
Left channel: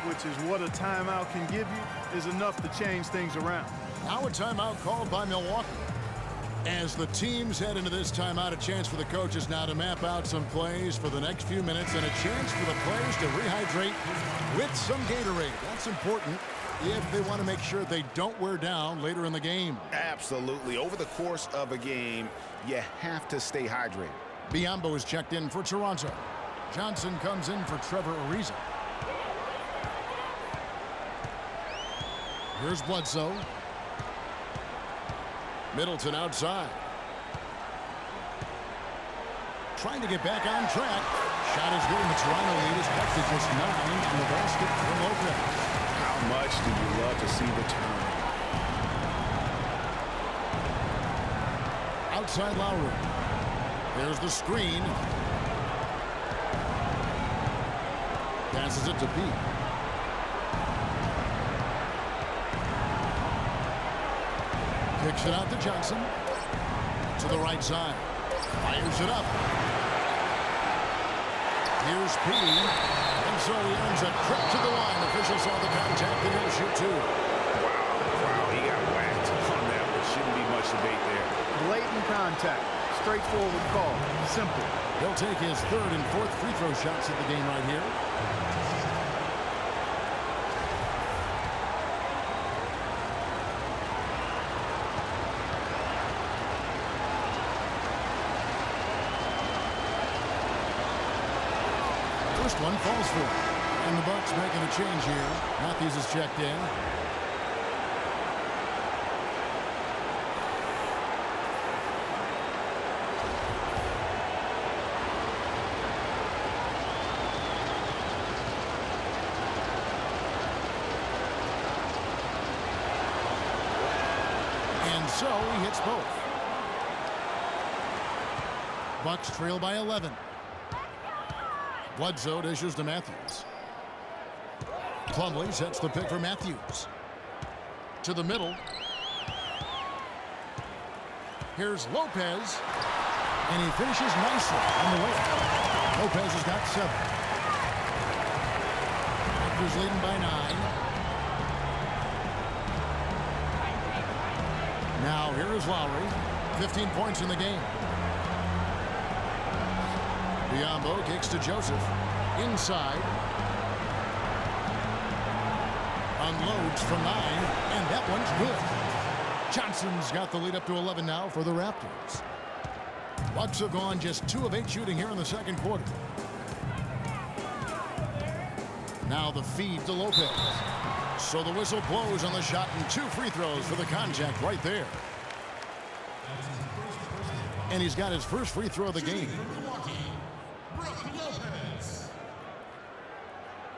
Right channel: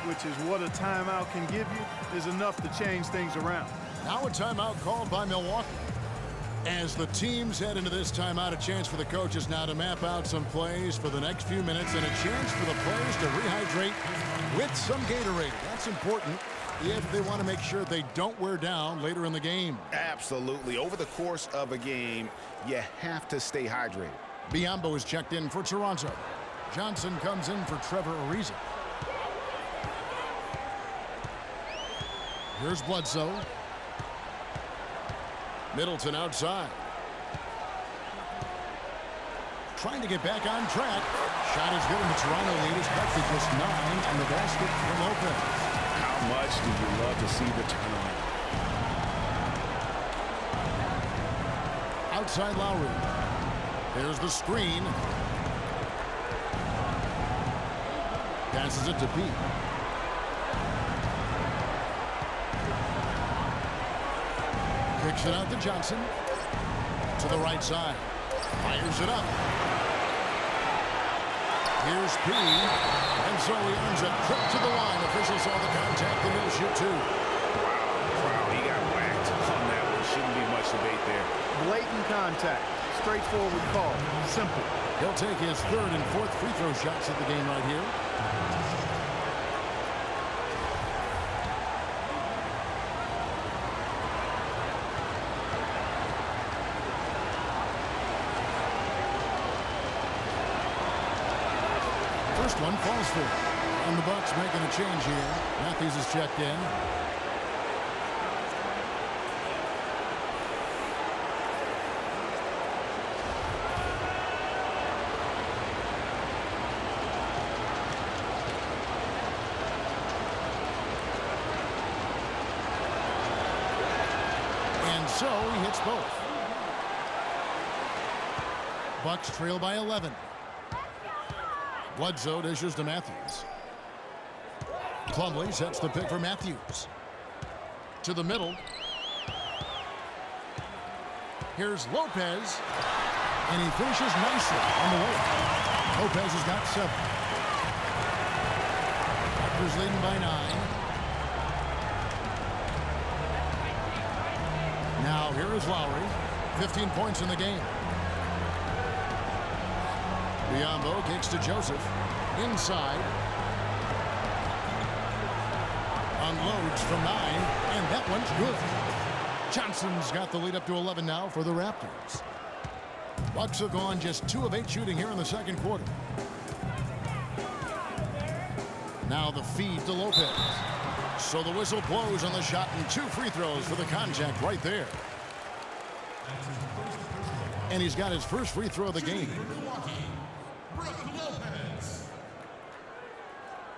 which is what a timeout can give you, is enough to change things around. Now a timeout called by Milwaukee. As the teams head into this timeout, a chance for the coaches now to map out some plays for the next few minutes and a chance for the players to rehydrate with some Gatorade. That's important if they want to make sure they don't wear down later in the game. Absolutely. Over the course of a game, you have to stay hydrated. Biyombo is checked in for Toronto. Johnson comes in for Trevor Ariza. Here's Bledsoe. Middleton outside. Trying to get back on track. Shot is good, and the Toronto lead is cut to just 9 on the basket for Lopez. How much do you love to see the turnaround? Outside Lowry. There's the screen. Passes it to Pete. Kicks it out to Johnson. To the right side. Fires it up. Here's P. And so he earns a trip to the line. Officials saw the contact and he'll shoot 2. Wow, he got whacked on that one. Shouldn't be much debate there. Blatant contact. Straightforward call. Simple. He'll take his 3rd and 4th free throw shots of the game right here. First one falls for him. And the Bucks making a change here. Matthews is checked in. And so he hits both. Bucks trail by 11. Bledsoe dishes to Matthews. Plumlee sets the pick for Matthews. To the middle. Here's Lopez. And he finishes nicely on the way. Lopez has got 7. Raptors leading by 9. Now here is Lowry. 15 points in the game. Biyombo kicks to Joseph. Inside. Unloads from 9. And that one's good. Johnson's got the lead up to 11 now for the Raptors. Bucks have gone just 2 of 8 shooting here in the second quarter. Now the feed to Lopez. So the whistle blows on the shot and 2 free throws for the contact right there. And he's got his first free throw of the game. Lopez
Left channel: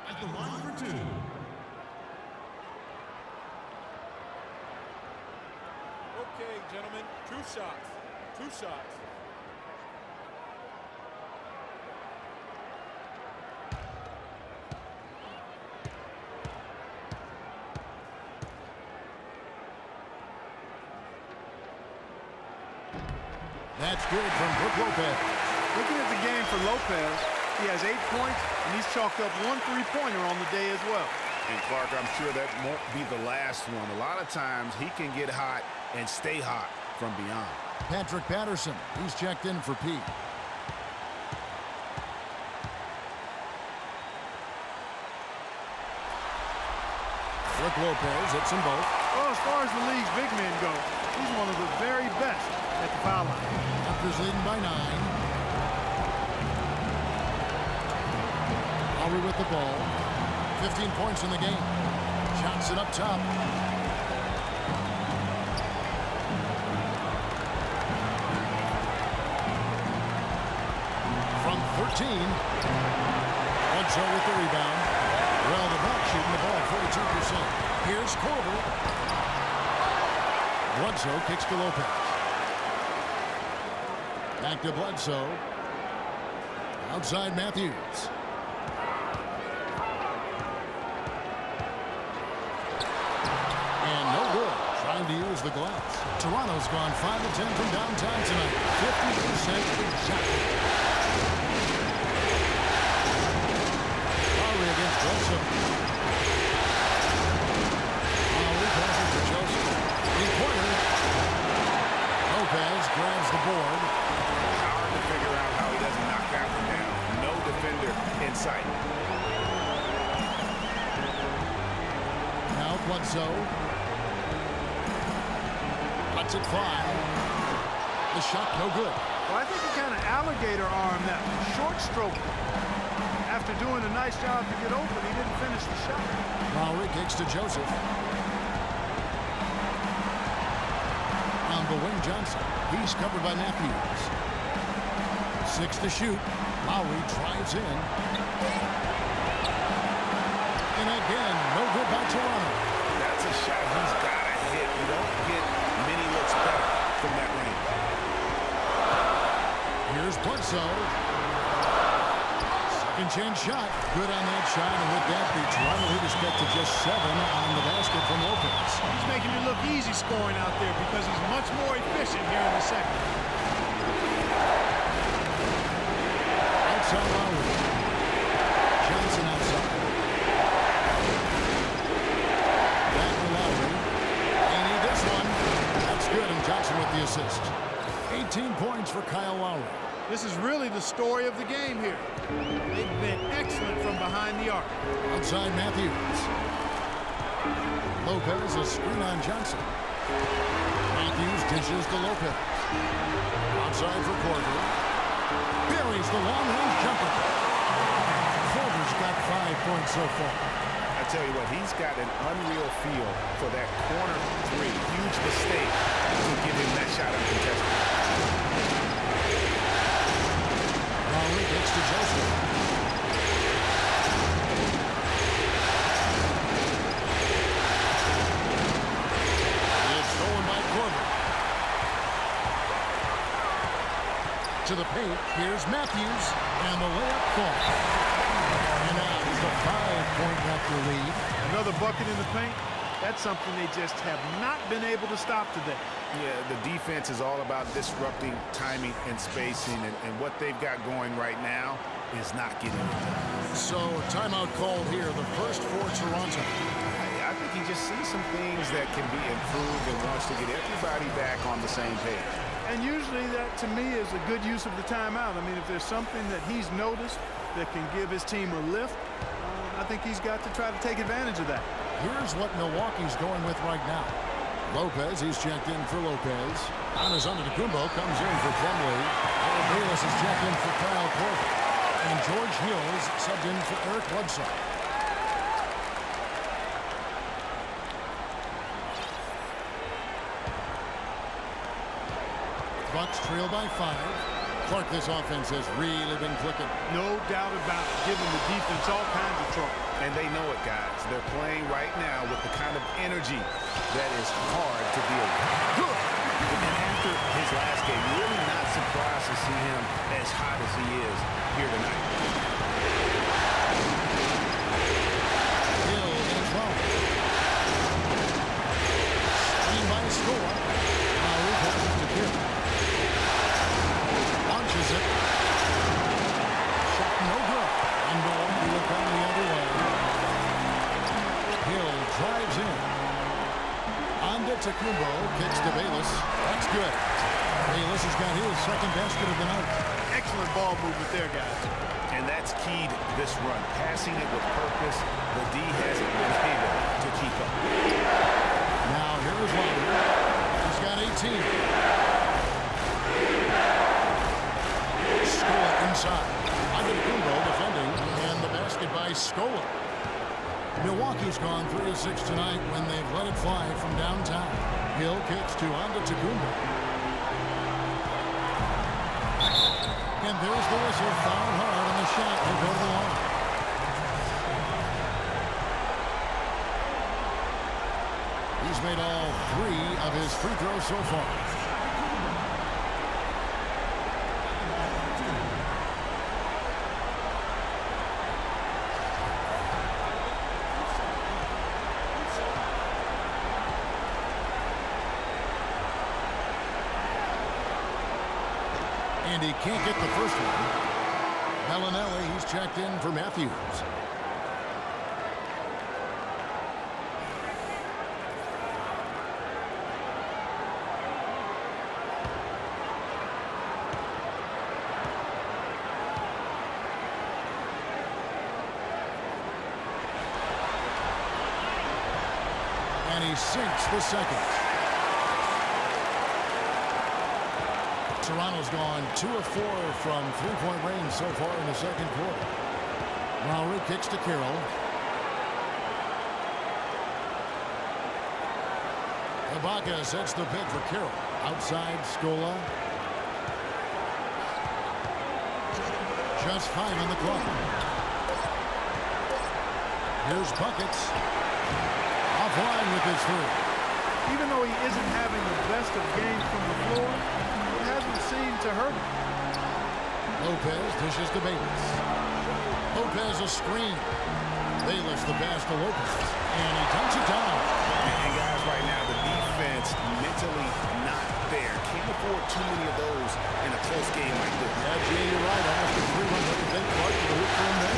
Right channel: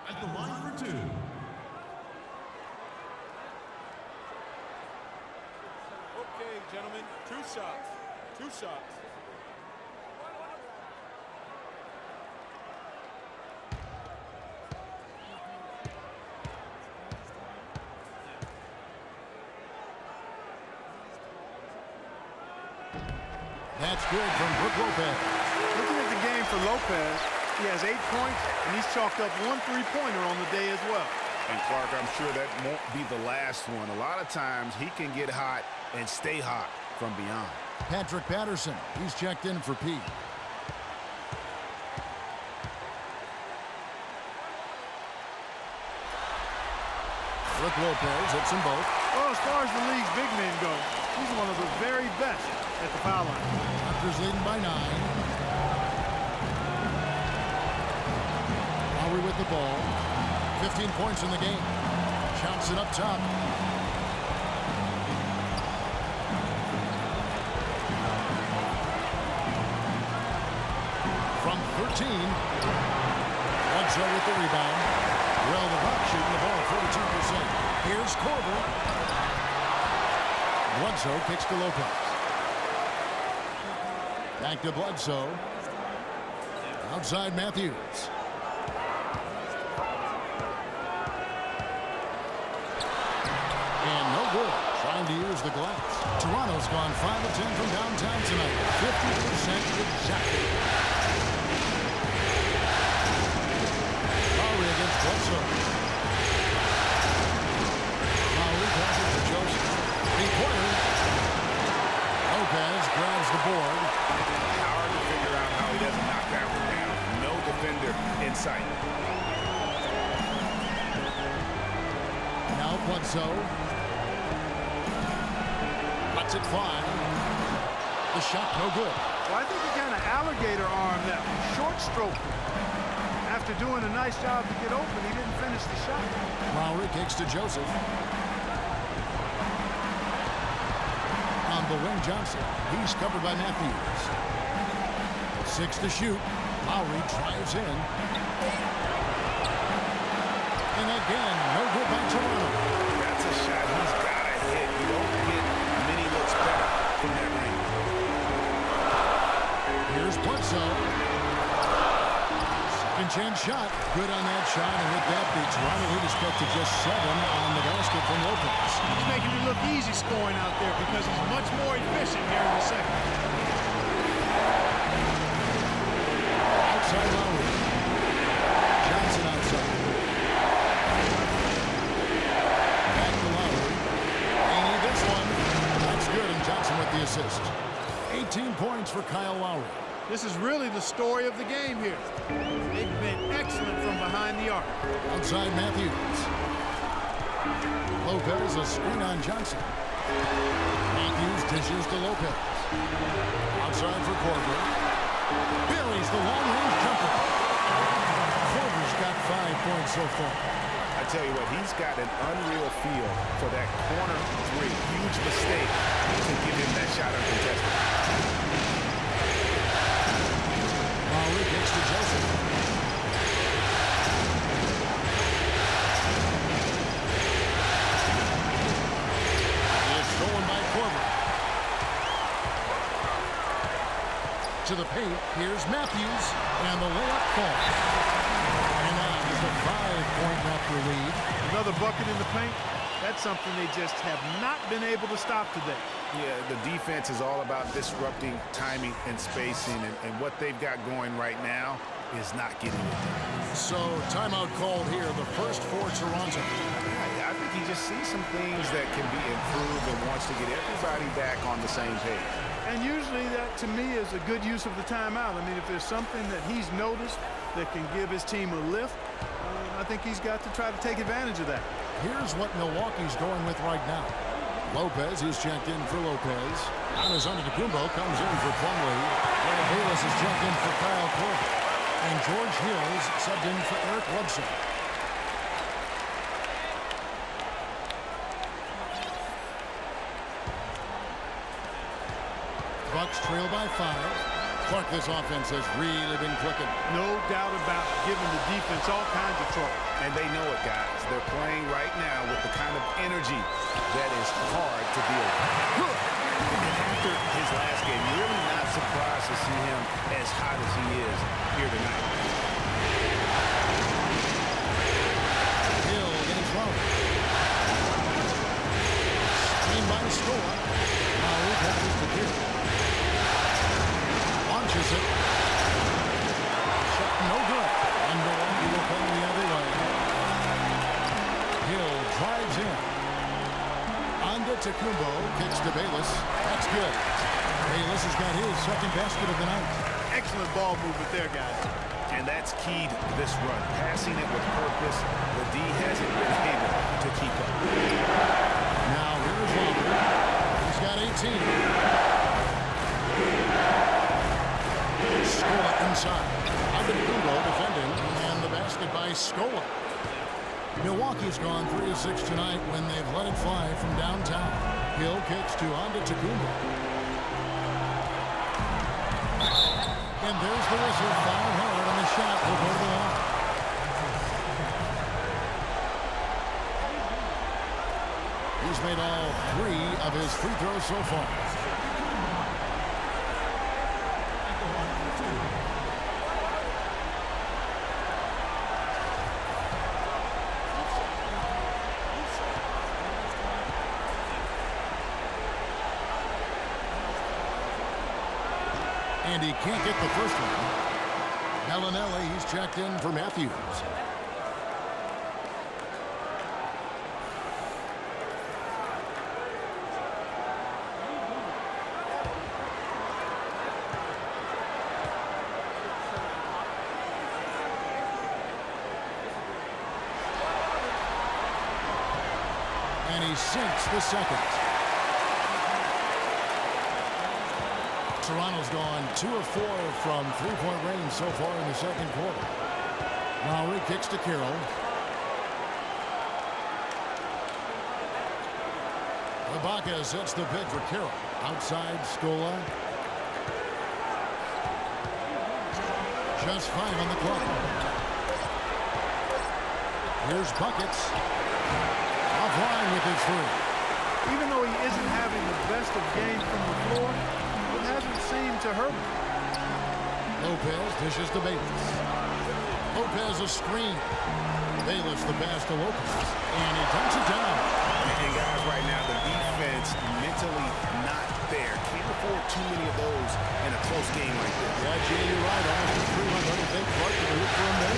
at the line for 2. Okay, gentlemen, 2 shots. 2 shots. That's good from Brook Lopez. Looking at the game for Lopez, he has 8 points, and he's chalked up 1 3-pointer on the day as well. And Clark, I'm sure that won't be the last one. A lot of times he can get hot and stay hot from beyond. Patrick Patterson, he's checked in for P. Brook Lopez hits them both. Well, as far as the league's big men go, he's one of the very best at the foul line. Raptors leading by 9. Lowry with the ball. 15 points in the game. Johnson up top. From 13. Bledsoe with the rebound. Well, the Bucks shooting the ball at 42%. Here's Korver. Bledsoe kicks to Lopez. Back to Bledsoe. Outside Matthews. And no good. Trying to use the glass. Toronto's gone 5 of 10 from downtown tonight. 50% exactly. Lowry against Bledsoe. Lowry passes to Joseph. 3-pointer. Lopez grabs the board. Hard to figure out how he doesn't knock that one down. No defender in sight. Now Bledsoe. Lets it fly. The shot no good. Well, I think he kind of alligator armed that one. Short stroked it. After doing a nice job to get open, he didn't finish the shot. Lowry kicks to Joseph. On the wing, Johnson. He's covered by Matthews. 6 to shoot. Lowry drives in. And again, no good by Toronto. That's a shot he's got to hit. You don't get many looks better from that range. Here's Bledsoe. Second chance shot. Good on that shot. And with that, the Toronto lead is cut to just 7 on the basket from Lopez. He's making it look easy scoring out there because he's much more efficient here in the second. Outside Lowry. Johnson outside. Back to Lowry. They need this one. That's good, and Johnson with the assist. 18 points for Kyle Lowry. This is really the story of the game here. They've been excellent from behind the arc. Outside Matthews. Lopez, a screen on Johnson. Matthews dishes to Lopez. Outside for Korver. Buries the long-range jumper. Korver's got 5 points so far. I tell you what, he's got an unreal feel for that corner 3. Huge mistake to give him that shot uncontested. Lowry kicks to Joseph. It's stolen by Korver. To the paint, here's Matthews, and the layup falls. And now just a 5-point Raptor lead. Another bucket in the paint. That's something they just have not been able to stop today. Yeah, the defense is all about disrupting timing and spacing, and what they've got going right now is not getting it done. So, timeout called here, the first for Toronto. I think he just sees some things that can be improved and wants to get everybody back on the same page. And usually that, to me, is a good use of the timeout. I mean, if there's something that he's noticed that can give his team a lift, I think he's got to try to take advantage of that. Here's what Milwaukee's going with right now. Lopez, he's checked in for Lopez. Giannis Antetokounmpo comes in for Plumlee. Harold Bayless is checked in for Kyle Korver. And George Hills subbed in for Eric Bledsoe. Bucks trail by 5. Clark, this offense has really been clicking. No doubt about it, giving the defense all kinds of trouble. And they know it, guys. They're playing right now with the kind of energy that is hard to deal with. Good. And after his last game, you're really not surprised to see him as hot as he is here tonight. Hill against Lowry. Screen by Score. Lowry passes to Hill. launches it. Shot no good. And Milwaukee will come the other way. Hill drives in. Antetokounmpo kicks to Bayless. That's good. Bayless has got his second basket of the night. Excellent ball movement there, guys. And that's keyed this run. Passing it with purpose. The D hasn't been able to keep up. Now here is Lowry. He's got 18. Scola inside. Antetokounmpo defending, and the basket by Scola. Milwaukee's gone 3 of 6 tonight when they've let it fly from downtown. Hill kicks to Antetokounmpo. And there's the whistle. Foul hard on the shot. He'll go to the line. He's made all 3 of his free throws so far. And he can't get the first one. Bellinelli, he's checked in for Matthews. And he sinks the second. Toronto's gone 2 of 4 from three-point range so far in the second quarter. Lowry kicks to Carroll. Ibaka sets the pick for Carroll. Outside, Scola. Just 5 on the clock. Here's Buckets. Offline with his 3. Even though he isn't having the best of games from the floor, it hasn't seemed to hurt him. Lopez dishes to Bayless. Lopez a screen. Bayless the pass to Lopez. And he dunks it down. And guys, right now, the defense mentally not there. Can't afford too many of those in a close game like this. Yeah, Jay, you're right. Almost a 3-1. What do you think, Clark, to the hoop for him there?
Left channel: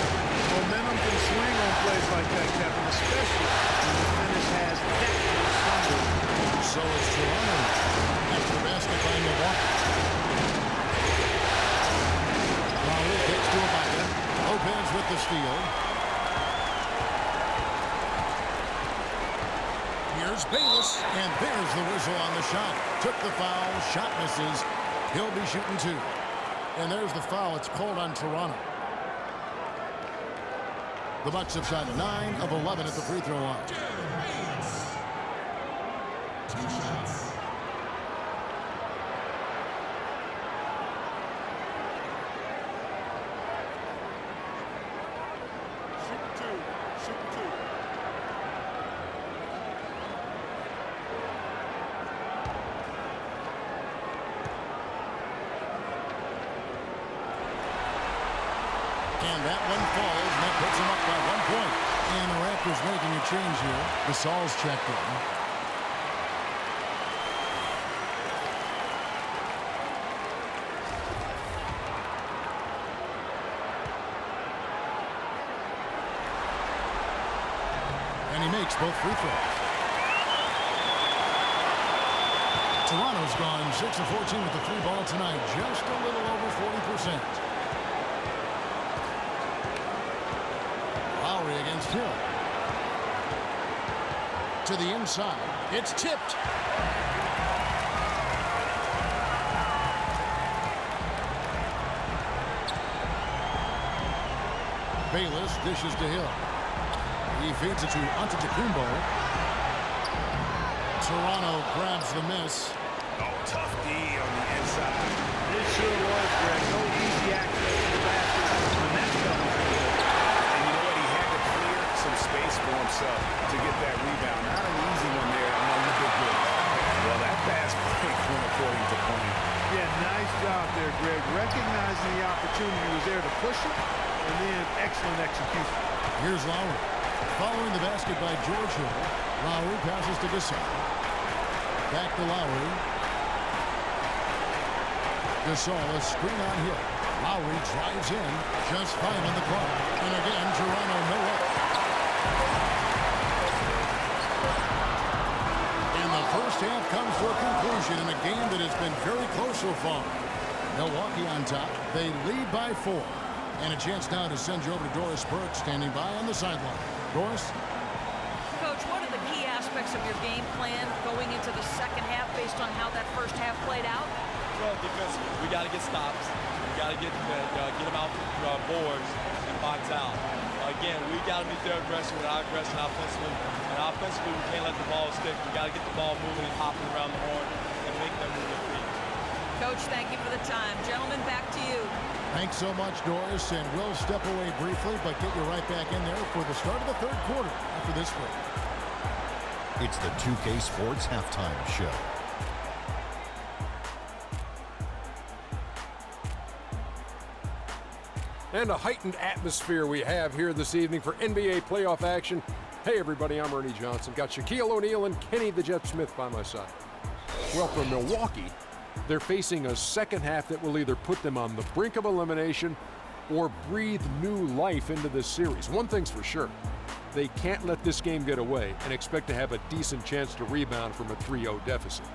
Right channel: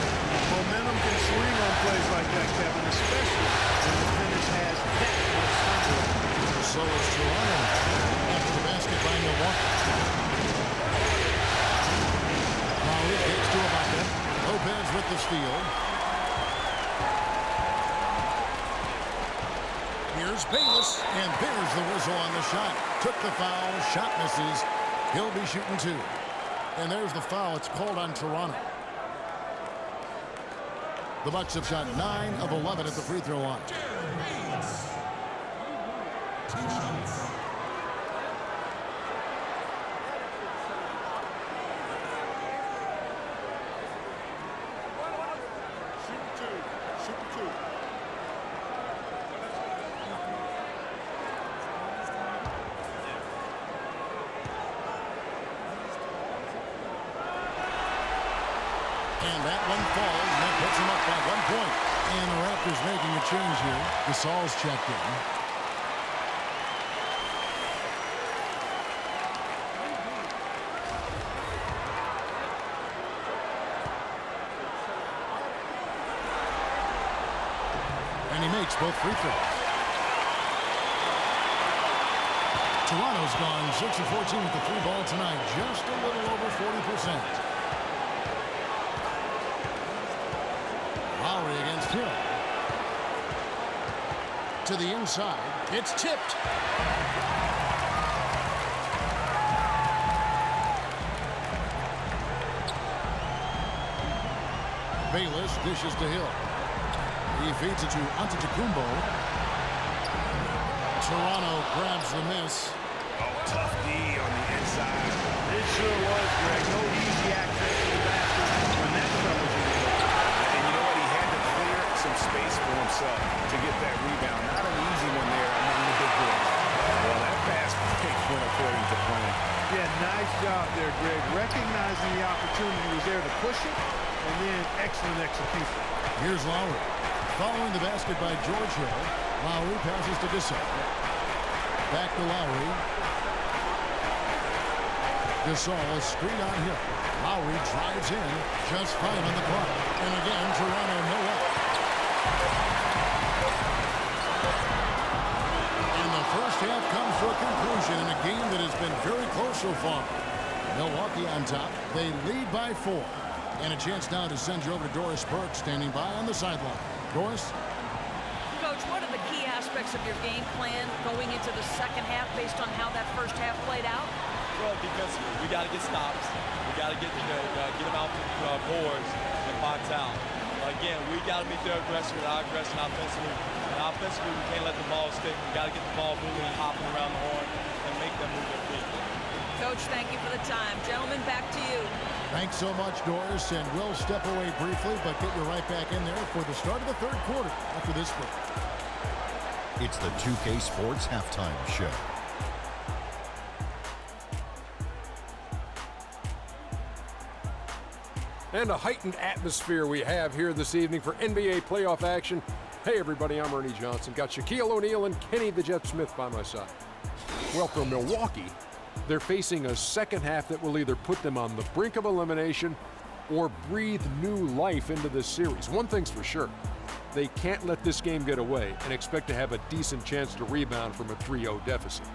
Momentum can swing on plays like that, Kevin, especially when the finish has that much thunder. So it's Toronto after the basket by Milwaukee. Lowry kicks to Ibaka. Lopez with the steal. Here's Bayless, and there's the whistle on the shot. Took the foul, shot misses. He'll be shooting 2. And there's the foul. It's called on Toronto. The Bucks have shot 9 of 11 at the free throw line. 2 shots. Super 2. Super 2. And that one falls, and that puts him up by 1 point. And the Raptors making a change here. Gasol's checked in. And he makes both free throws. Toronto's gone 6 of 14 with the 3 ball tonight. Just a little over 40%. Lowry against Hill. To the inside. It's tipped. Bayless dishes to Hill. He feeds it to Antetokounmpo. Toronto grabs the miss. Oh, tough D on the inside. It sure was, Greg. No easy access to the basket when that fella's in the middle. And you know what? He had to clear some space for himself to get that rebound. Not an easy one there among the big boys. Well, that fast break went according to plan. Yeah, nice job there, Greg. Recognizing the opportunity was there to push it, and then excellent execution. Here's Lowry. Following the basket by George Hill. Lowry passes to Gasol. Back to Lowry. Gasol, a screen on Hill. Lowry drives in, just 5 on the clock. And again, Toronto no up. And the first half comes to a conclusion in a game that has been very close so far. Milwaukee on top. They lead by 4. And a chance now to send you over to Doris Burke, standing by on the sideline. Doris? Coach, what are the key aspects of your game plan going into the second half based on how that first half played out? Well, defensively, we got to get stops. We got to get them out the boards and box out. Again, we got to meet their aggression with our aggression offensively. And offensively, we can't let the ball stick. We got to get the ball moving and hopping around the horn and make them move their feet. Coach, thank you for the time. Gentlemen, back to you. Thanks so much, Doris, and we'll step away briefly, but get you right back in there for the start of the third quarter after this break. It's the 2K Sports Halftime Show. And a heightened atmosphere we have here this evening for NBA playoff action. Hey everybody, I'm Ernie Johnson. Got Shaquille O'Neal and Kenny the Jet Smith by my side. Well, for Milwaukee, they're facing a second half that will either put them on the brink of elimination or breathe new life into this series. One thing's for sure, they can't let this game get away and expect to have a decent chance to rebound from a 3-0 deficit.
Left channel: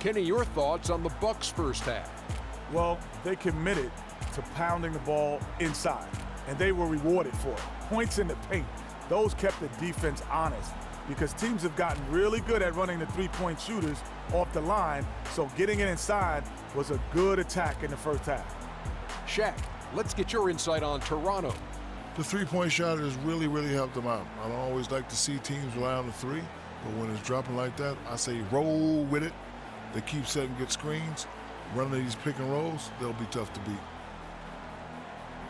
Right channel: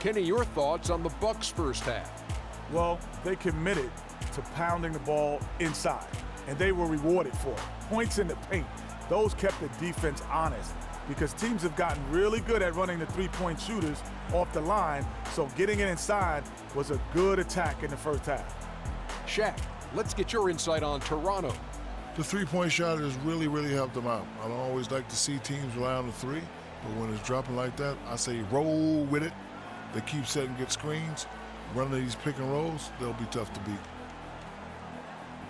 Kenny, your thoughts on the Bucks' first half? Well, they committed to pounding the ball inside, and they were rewarded for it. Points in the paint. Those kept the defense honest because teams have gotten really good at running the three-point shooters off the line, so getting it inside was a good attack in the first half. Shaq, let's get your insight on Toronto. The three-point shot has really helped them out. I don't always like to see teams rely on the three, but when it's dropping like that, I say roll with it. They keep setting good screens, running these pick and rolls, they'll be tough to beat.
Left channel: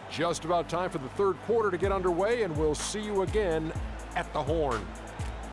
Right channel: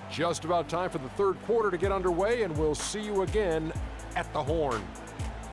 Just about time for the third quarter to get underway, and we'll see you again at the Horn.